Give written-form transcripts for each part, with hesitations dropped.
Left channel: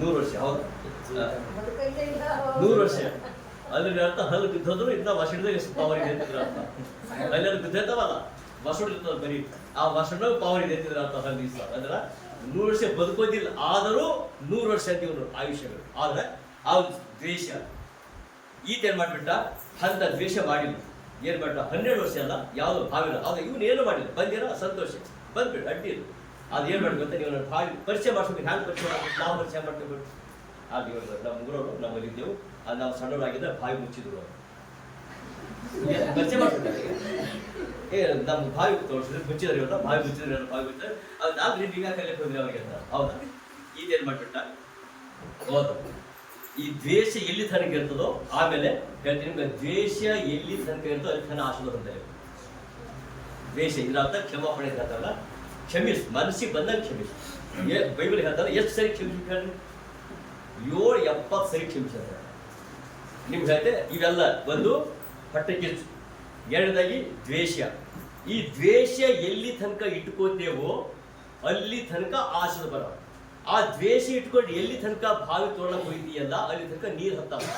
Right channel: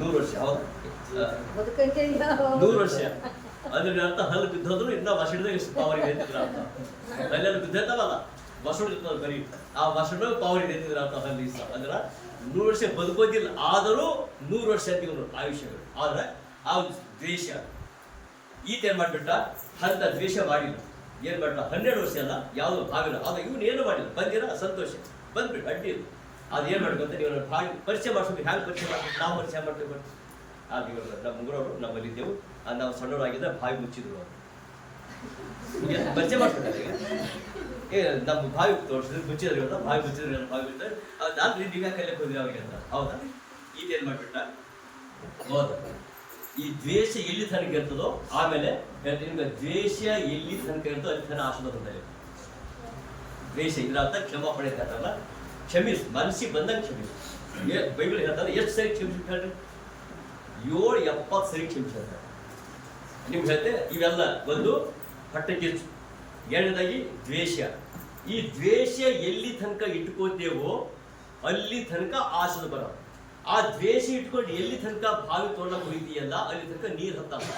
100 ವರ್ಷ ಹೌದಾ? 100 ವರ್ಷ ಅದ್ರ ಅರ್ಥ ಹಲ್ಲು ಬಿದ್ದೋದ್ರು ಇನ್ನ ವಸಡಿದಾಗ ಪವರ್ ಇದೆ ಅಂತಿದ್ರ ಅರ್ಥ. ಅಲ್ಲೆಲ್ಲ ಬಿದ್ದೈತವಲ್ಲ ವಸಡು ಇರ್ತದ ಬರೀ ಆ ವಸಡ ಪವರ್ ಇದೆ ಅಂತಿದ್ರ ಅರ್ಥ ಹಲ್ಲಿ ಅಂದ್ರ 100 ವರ್ಷ ಬದುಕೋದಿಲ್ಲ, ಆದರೂ 100 ವರ್ಷ ಅಂತ ಇವರು ಆಯುಷ್ಯಗಳು. ಆದ್ರೆ ಆ ದ್ವೇಷ ಈತ ಏನ್ ಮಾಡ್ಬಿಟ್ಟ, ಅಂತ ದ್ವೇಷ ಮಾಡಿಲ್ಲ. ಏನ್ ಮಾಡ್ಬಿಟ್ಟ, 12 ವರ್ಷ ಅಲ್ಲ ಯಾವ್ದು ಭಾವಿನ ಆಗ ಇವನು ಏನು ಮಾಡಿಲ್ಲ, ಬಂದಿರ ಸಂತೋಷ ಬಂದ್ಬಿಟ್ಟು ಅಡ್ಡಿ ಇಲ್ಲ. ಅದು ಏನ್ ಮಾಡ್ಬೇಕಂತ ನೀವು ಭಾವಿ ಪರಿಚಯ ಮಾಡ್ಸ್ಬೇಕು. ಹ್ಯಾಂಗ ಪರಿಚಯ ಮಾಡ್ಬಿಟ್ಟು ನಾವು ಪರಿಚಯ ಮಾಡ್ತೇವೆ. ಅದು ಇವರು ನಮ್ಮ ಗುರುವರು ನಮ್ಮಲ್ಲಿ ಇದ್ದೆವು, ನಾವು ಸಣ್ಣವರಾಗಿದ್ದ ಬಾವಿ ಮುಚ್ಚಿದ್ರು ಅದು ಪರಿಚಯ ಮಾಡ್ತಾರೆ. ನಮ್ಮ ಬಾವಿ ತೋರಿಸಿದ್ರೆ ಮುಚ್ಚಿದ್ರೆ ಇವತ್ತ ಬಾವಿ ಮುಚ್ಚಿದ್ರೆ ಬಾವಿ ಮುಚ್ಚಿದ್ರೆ ಅದು ನಾಲ್ಕು ನೀವು ಯಾಕೆ ಕಲಿಯಕ್ಕೆ ಹೋದ್ರಿ ಅವ್ರಿಗೆ ಅಂತ. ಹೌದಾ? ಈತೇನ್ ಮಾಡ್ಬಿಟ್ಟ, ಹೌದು ಈ ದ್ವೇಷ ಎಲ್ಲಿ ತನಕ ಇರ್ತದೋ ಆಮೇಲೆ ಹೇಳ್ತೀನಿ ನಿಮ್ಗೆ, ದ್ವೇಷ ಎಲ್ಲಿ ತನಕ ಇರ್ತೋ ಅಲ್ಲಿ ತನ ಆಶೀರ್ವಾದ ಅಂತ ಹೇಳಿ. ದ್ವೇಷ ಇದ್ರ ಅರ್ಥ ಕ್ಷಮಾಪಣೆ ಅಂತ ಹೇಳ್ತಾರಲ್ಲ, ಕ್ಷಮಿಸ್ ಮನಸ್ಸಿಗೆ ಬಂದಂಗೆ ಕ್ಷಮಿಸ್. ಬೈಬಲ್ ಹೇಳ್ತಾರ ಎಷ್ಟು ಸರಿ ಕ್ಷಮಿಸಿ ಹೇಳ್ರಿ, 770 ಸರಿ ಕ್ಷಮಿಸಿ ಅಂತ ಹೇಳ್ತಾರೆ. ನಿಮ್ಗೆ ಹೇಳ್ತೆ ಇವೆಲ್ಲ ಒಂದು ಹೊಟ್ಟೆ ಕಿಚ್ಚು, ಎರಡನೇದಾಗಿ ದ್ವೇಷ. ಈ ದ್ವೇಷ ಎಲ್ಲಿ ತನಕ ಇಟ್ಕೋತೇವೋ ಅಲ್ಲಿ ತನಕ ಆಶೀರ್ವಾದ ಬರೋ. ಆ ದ್ವೇಷ ಇಟ್ಕೊಂಡು ಎಲ್ಲಿ ತನಕ ಬಾವಿ ತೋಡ್ಲಕ್ಕೆ ಹೋಯ್ತೀಯಲ್ಲ ಅಲ್ಲಿ ತನಕ ನೀರು ಹತ್ತಲ್ಲ.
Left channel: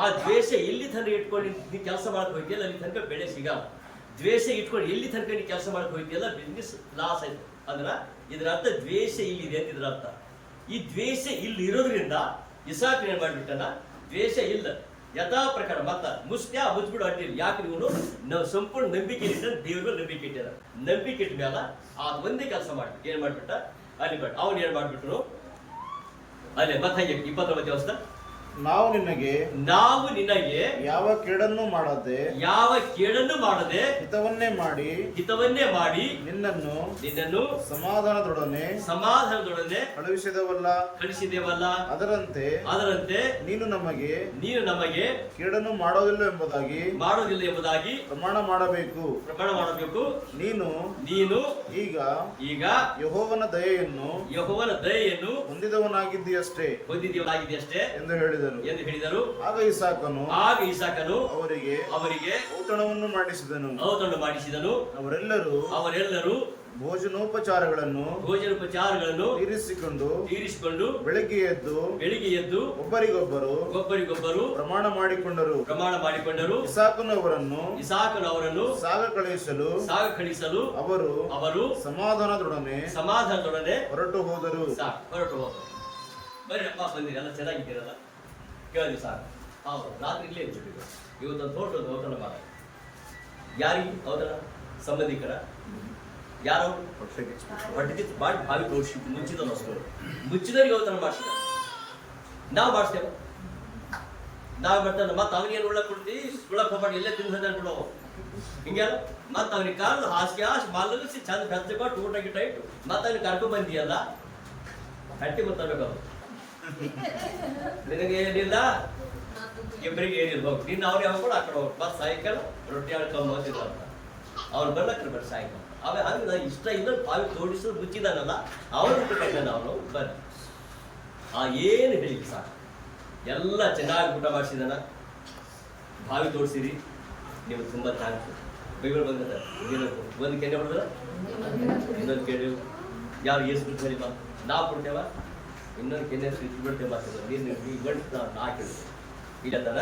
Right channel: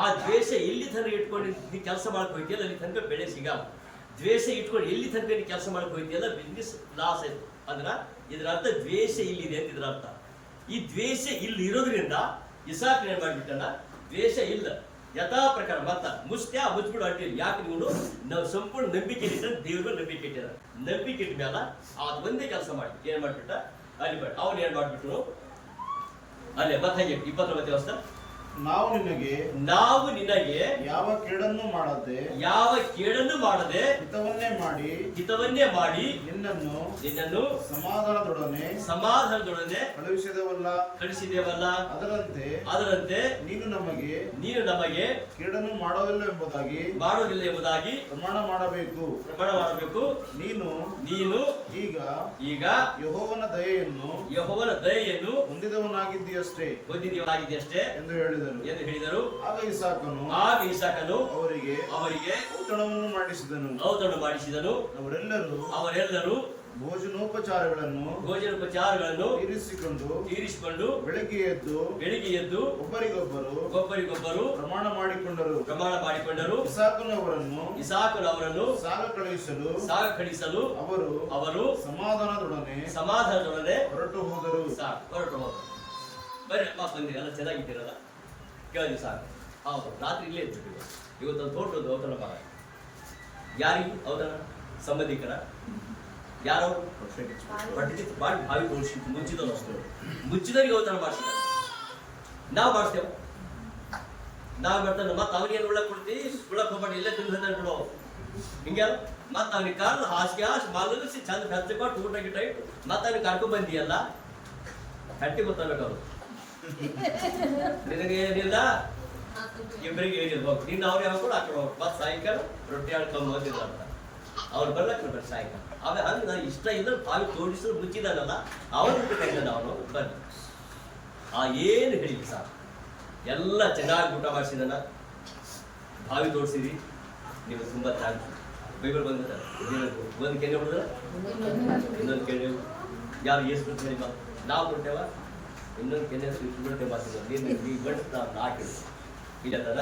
ಆ ದ್ವೇಷ ಎಲ್ಲಿ ತನಕ ಇಟ್ಕೊಂಡು ನೀ ಕೆಲಸ ಮಾಡಕ್ ಹೋಯ್ತೀಯಲ್ಲ ಅಲ್ಲಿ ತನಕ ಬೆಳೆ ಸಿಗಲ್ಲ. ದ್ವೇಷ ಇಟ್ಕೊಂಡು ಎಲ್ಲಿ ತನಕ ನೀ ಕೆಲಸ ಮಾಡಕ್ ಹೋಯ್ತೀಯಲ್ಲ ಬಿಸ್ನೆಸ್ ಲಾಸ್ ಆಯ್ತು. ಅಂದ್ರ ಇದ್ರ ಅರ್ಥ ದ್ವೇಷ ಇಲ್ಲಿದೆ ಅಂತ ಇದ್ರ ಅರ್ಥ. ಈ ದ್ವೇಷ ಇಲ್ಲಿ ಇರೋದ್ರಿಂದ ಇಸಾಕ್ ಏನ್ ಮಾಡ್ಬಿಟ್ಟನ, ದ್ವೇಷ ಇಲ್ಲ ಯಥಾ ಪ್ರಕಾರ ಮತ್ತ ಮುಚ್ಬಿಡು ಅಡ್ಡಿಲ್ಲ. ಯಾಕೆ ನೀವು ನಾವು ಸಂಪೂರ್ಣ ನಂಬಿಕೆ ಇಟ್ಟ ದೇವ್ರ ಮೇಲೆ ನಂಬಿಕೆ ಇಟ್ಟಾರ. ನಂಬಿಕೆ ಇಟ್ಟ ಮೇಲೆ ಅದು ಒಂದೇ ಕೆಲಸ ಮಾಡ್ಬಿಟ್ಟು ಏನ್ ಮಾಡ್ಬಿಟ್ಟ, ಅಲ್ಲಿ ಬೇಡ ಅವ್ನು ಏನ್ ಮಾಡ್ಬಿಟ್ರು ಅಲ್ಲೇ ಮತ್ತೆ 29 ವರ್ಷ, ನಾವು ನಿನಗೆ ಯಾವ ಕೇಡನ್ನು ಮಾಡದೆ ಹಿತವನ್ನೇ ಮಾಡಿ ನಿನ್ನನ್ನು ಸಮಾಧಾನದೊಡನೆ ಕಳಿಸಿದೇವಲ್ಲ. ಅದರಂತೆ ನೀನು ನಮಗೆ ಕೇಡನ್ನು ಮಾಡೋದಿಲ್ಲ ಎಂಬುದಾಗಿ ಪ್ರಮಾಣ ಮಾಡಬೇಕು. ನೀನು ಈಗ ಯೆಹೋವನ ದಯೆಯನ್ನು ಹೊಂದಿದವನಾಗಿದ್ದೀಯಷ್ಟೇ ಎಂದು ಹೇಳಿದರು. ಆಗ ಇಸಾಕನು ಅವರಿಗೆ ಔತಣವನ್ನು ಮಾಡಿಸಿದನು. ಅವರೆಲ್ಲರೂ ಭೋಜನೋಪಚಾರಗಳನ್ನು ತೀರಿಸಿಕೊಂಡು ಬೆಳಿಗ್ಗೆ ಎದ್ದು ಒಬ್ಬರಿಗೊಬ್ಬರು ಪ್ರಮಾಣ ಮಾಡಿಕೊಂಡರು. ಇಸಾಕನು ಅವರನ್ನು ಸಾಗ ಕಳಿಸಲು ಅವರು ಸಮಾಧಾನದೊಡನೆ ಹೊರಟು ಹೋದರು. ಬರೀ ಅಮ್ಮ ಬಂದಿರಿ, ಎಲ್ಲ ಚೆನ್ನಾಗಿದ್ದೀರಲ್ಲ, ಕೇಳಿದ್ವಿ ಸಾಕು. ಹೌದು, ರಾತ್ರಿ ಇಲ್ಲೇ ಇದ್ಬಿಟ್ಟಿವಿ. ಇವತ್ತೊಂದು ತೋಟದ ಔತಣ ಮಾಡ. ಯಾರಿಗೆ ಔತಣ? ಸಂಬಂಧಿಕರ. ಯಾರವರು? ಹೊಟ್ಟೆಗಿತ್ತು ಮಾಡಿ ಬಾವಿ ತೋರಿಸಿ ಮುಚ್ಚಿದವರಿಗೆ ಔತಣ ಮಾಡಿಸಿದ. ನಾವು ಮಾಡಿಸ್ತೇವ, ನಾವು ಮಾಡ್ತಾನೆ. ಮತ್ತೆ ಅವನಿಗೇನು ಉಳ್ಳಕ್ ಕೊಡ್ತೀವಿ, ಉಳ್ಳಕ್ ಹೋಗ್ಬಾರ್ದು, ಇಲ್ಲೇ ತಿಂದು ಹೋದ ಬಿಡೋ ಹಿಂಗೆಲ್ಲ. ಮತ್ತೆ ಅವನಿಗೆ ಕಾರಣ ಹಾಸಿಗೆ ಮಲಗಿಸಿ ಚಂದ ಬೆಚ್ಚ ಕೊಟ್ಟು ಊಟ ಗಿಟ್ಟ ಇಟ್ಟು ಮತ್ತೆ ಅವನಿಗೆ ಕರ್ಕೊಂಡ್ ಬಂದಿಯಲ್ಲ, ಹಟ್ಟಿ ಗೊತ್ತಾಗಬೇಕು. ನಿನಗೆ ಏನಿಲ್ಲ, ಇಬ್ಬರಿಗೆ ಏನಿಲ್ಲ, ಹೋಗಿ ನೀನು ಅವ್ರಿಗೆ ಹಾಕೊಂಡು ಆ ಕಡೆ ಹೋಗಿ ಮತ್ತೆ ಸಾಯಂಕಾಲ ರೊಟ್ಟಿ ಆಡ್ಕೊಂಡು ಹೋಗ್ತಿಲ್ಲ ಅಂತ ಅವ್ರು ಬರ್ಲಕ್ರ ಬರ್ರಿ ಸಾಯಂಕಾಲ. ಆಮೇಲೆ ಹಂಗೆ ನಾನು ಇಷ್ಟ ಇಲ್ಲ ಬಾವಿ ತೋಡಿಸೋದು ಮುಚ್ಚಿದಾನಲ್ಲ ಅವನು ಊಟಕ್ಕಾಯ್ತಾನ, ಅವನು ಬರ್ರಿ ಏನು ಹೇಳಿಲ್ಲ ಸಾಕು. ಎಲ್ಲ ಚೆನ್ನಾಗಿ ಊಟ ಮಾಡಿಸಿದಾನ, ಬಾವಿ ತೋಡಿಸಿರಿ, ನಿಮ್ಗೆ ತುಂಬ ಥ್ಯಾಂಕ್ಸ್. ಬೈಬಲ್ ಬಂದಿರ್ತಾರೆ, ಒಂದು ಕೆನೆ ಹೊಡೆದ್ರೆ ಇನ್ನೊಂದು ಕೆನೆ ಯಾರು ಏಸು ಬಿಟ್ಟು ಹೇಳಿ ಮಾತು ನಾವು ಕೊಡ್ತೇವ, ಇನ್ನೊಂದು ಕೆನೆ ಇಟ್ಟು ಬಿಡ್ತೇವೆ ಮಾತಿಲ್ಲ. ನೀನು ಬಂದು ನಾ ಕೇಳಿದ್ವಿ ಇಲ್ಲ ತಾನ.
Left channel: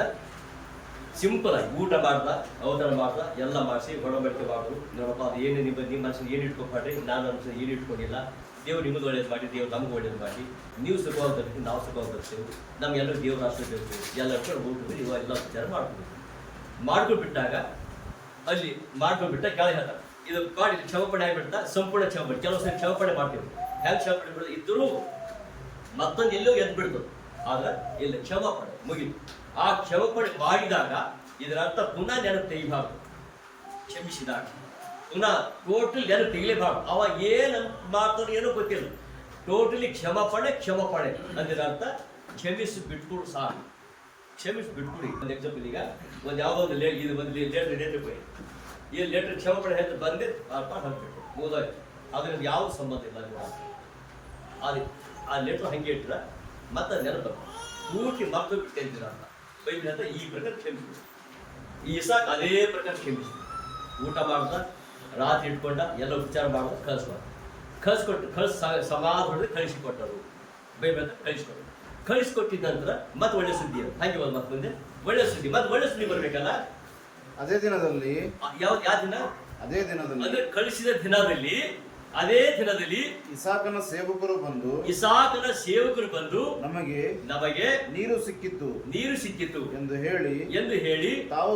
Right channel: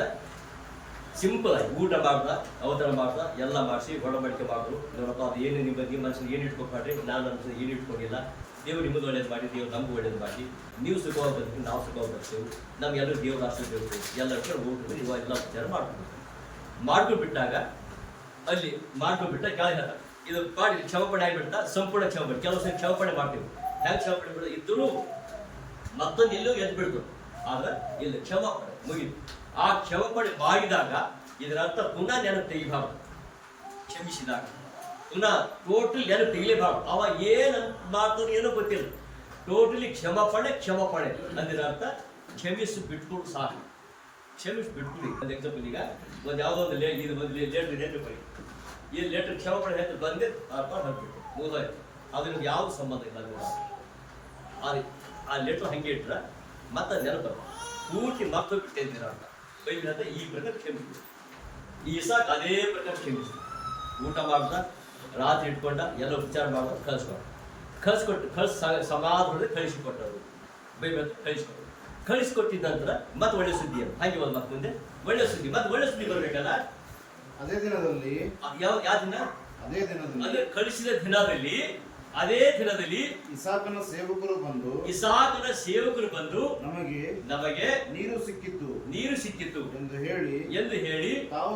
ಸಿಂಪಲ್ ಆಗಿ ಊಟ ಮಾಡ್ದ, ಔತಣ ಮಾಡ್ದ, ಎಲ್ಲ ಮಾಡಿಸಿ ಒಡಂಬಡಿಕೆ ಮಾಡಿದ್ರು. ನೋಡಪ್ಪ ಅದು ಏನು ನಿಮ್ಮ ಮನಸ್ಸಿನ ಏನು ಇಟ್ಕೊಬೇಡ್ರಿ, ನಾನು ಅನ್ಸೋದು ಏನು ಇಟ್ಕೊಂಡಿಲ್ಲ. ದೇವ್ರು ನಿಮ್ಮದು ಒಳ್ಳೇದು ಮಾಡಿ, ದೇವ್ರು ನಮ್ಗೆ ಒಳ್ಳೇದು ಮಾಡಿ, ನೀವು ಸುಖವಾಗಿ ಬರ್ತೀವಿ, ನಾವು ಸುಖವಾಗಿ ಬರ್ತೀವಿ, ನಮ್ಗೆಲ್ಲರೂ ದೇವ್ರ ರಾಷ್ಟ್ರ ಬೇಕು, ಎಲ್ಲರೂ ಕೂಡ ಊಟ ಎಲ್ಲ ವಿಚಾರ ಮಾಡ್ಕೊಂಡ್ಬಿಟ್ಟಾಗ ಅಲ್ಲಿ ಮಾಡ್ಕೊಂಡ್ಬಿಟ್ಟ ಕೆಳಗೆ ಹೇಳ್ತಾರೆ ಇದು ಮಾಡಿ ಕ್ಷಮಪಣೆ ಆಗಿಬಿಡ್ತಾ ಸಂಪೂರ್ಣ ಕ್ಷಮಪಣೆ. ಕೆಲವು ಸರಿ ಕ್ಷಮಪಣೆ ಮಾಡ್ತೀವಿ, ಹೆಂಗೆ ಕ್ಷಮಪಣೆ ಬಿಡೋದು ಇದ್ದರೂ ಮತ್ತೊಂದು ಎಲ್ಲೋ ಎದ್ದು ಬಿಡ್ತು. ಆದ್ರೆ ಇಲ್ಲಿ ಕ್ಷಮಪಣೆ ಮುಗಿದು ಆ ಕ್ಷಮಪಣೆ ಮಾಡಿದಾಗ ಇದರ ಅರ್ಥ ಪುನಃ ನೆನಪು ತೆಗಿಬಾರ್ದು. ಕ್ಷಮಿಸಿದಾಗ ಪುನಃ ಟೋಟಲ್ ನೆನಪು ತೆಗಿಲೇಬಾರ್ದು. ಅವಾಗ ಏನು ಮಾಡ್ತಾನೆ ಏನೋ ಗೊತ್ತಿಲ್ಲ. ಟೋಟಲಿ ಕ್ಷಮಪಣೆ ಅಂದಿರ ಅರ್ಥ ಕ್ಷಮಿಸಿ ಬಿಟ್ಕೊಡು ಸಾಕು, ಕ್ಷಮಿಸಿ ಬಿಟ್ಕೊಡಿ. ಒಂದು ಎಕ್ಸಾಂಪಲ್, ಈಗ ಒಂದು ಯಾವುದೋ ಒಂದು ಲೆಟ್ರ್ ಬೈ ಈ ಲೆಟ್ರ್ ಕ್ಷಮಪಣೆ ಹೇಳ್ತು ಬಂದೆ ಹಾಕ್ಬಿಟ್ಟು ಮುಗಿದೋಯ್ತು. ಅದು ನಿಮ್ಗೆ ಯಾವ್ದು ಸಂಬಂಧ ಇಲ್ಲ. ಅದು ಆ ಲೆಟ್ರ್ ಹಂಗೆ ಇಟ್ರ ಮತ್ತೆ ನೆನಪು ಪೂರ್ತಿ ಮರ್ತೋಗ್ಬಿಟ್ಟು ಅಂತೀರ ಅಂತ ಬೈಬಲ್ ಅಂತ ಈ ಪ್ರಕಾರ ಕ್ಷಮಿಸ್ಬಿಡು. ಈ ಇಸಾಕ್ ಅದೇ ಪ್ರಕಾರ ಕ್ಷಮಿಸ್ಬಿಡು. ಊಟ ಮಾಡ್ದ, ರಾತ್ರಿ ಇಟ್ಕೊಂಡ, ಎಲ್ಲ ಉಪಚಾರ ಮಾಡೋದು, ಕಳಿಸ್ಕೊಟ್ಟು ಸಮಾಧಾನದಲ್ಲಿ ಕಳಿಸಿಕೊಟ್ಟರು. ಬೈಬಲ್ ಅಂತ ಕಳಿಸ್ಕೊಟ್ಟಿದ್ದ ನಂತರ ಮತ್ತೆ ಒಳ್ಳೆ ಸುದ್ದಿ ಅಂತ ಹಾಗೆ ಒಂದು ಮತ್ತೆ ಮುಂದೆ ಒಳ್ಳೆ ಸುದ್ದಿ ಮತ್ತೆ ಒಳ್ಳೆ ಸುದ್ದಿ ಬರ್ಬೇಕಲ್ಲ. ಅದೇ ದಿನದಲ್ಲಿ ಯಾವ ದಿನ? ಅದೇ ದಿನದಲ್ಲಿ ಅದೇ ಕಳಿಸಿದ ದಿನದಲ್ಲಿ ಅದೇ ದಿನದಲ್ಲಿ ಇಸಾಕನ ಸೇವಕರು ಬಂದು ನಮಗೆ ನೀರು ಸಿಕ್ಕಿತು ಎಂದು ಹೇಳಿ ತಾವು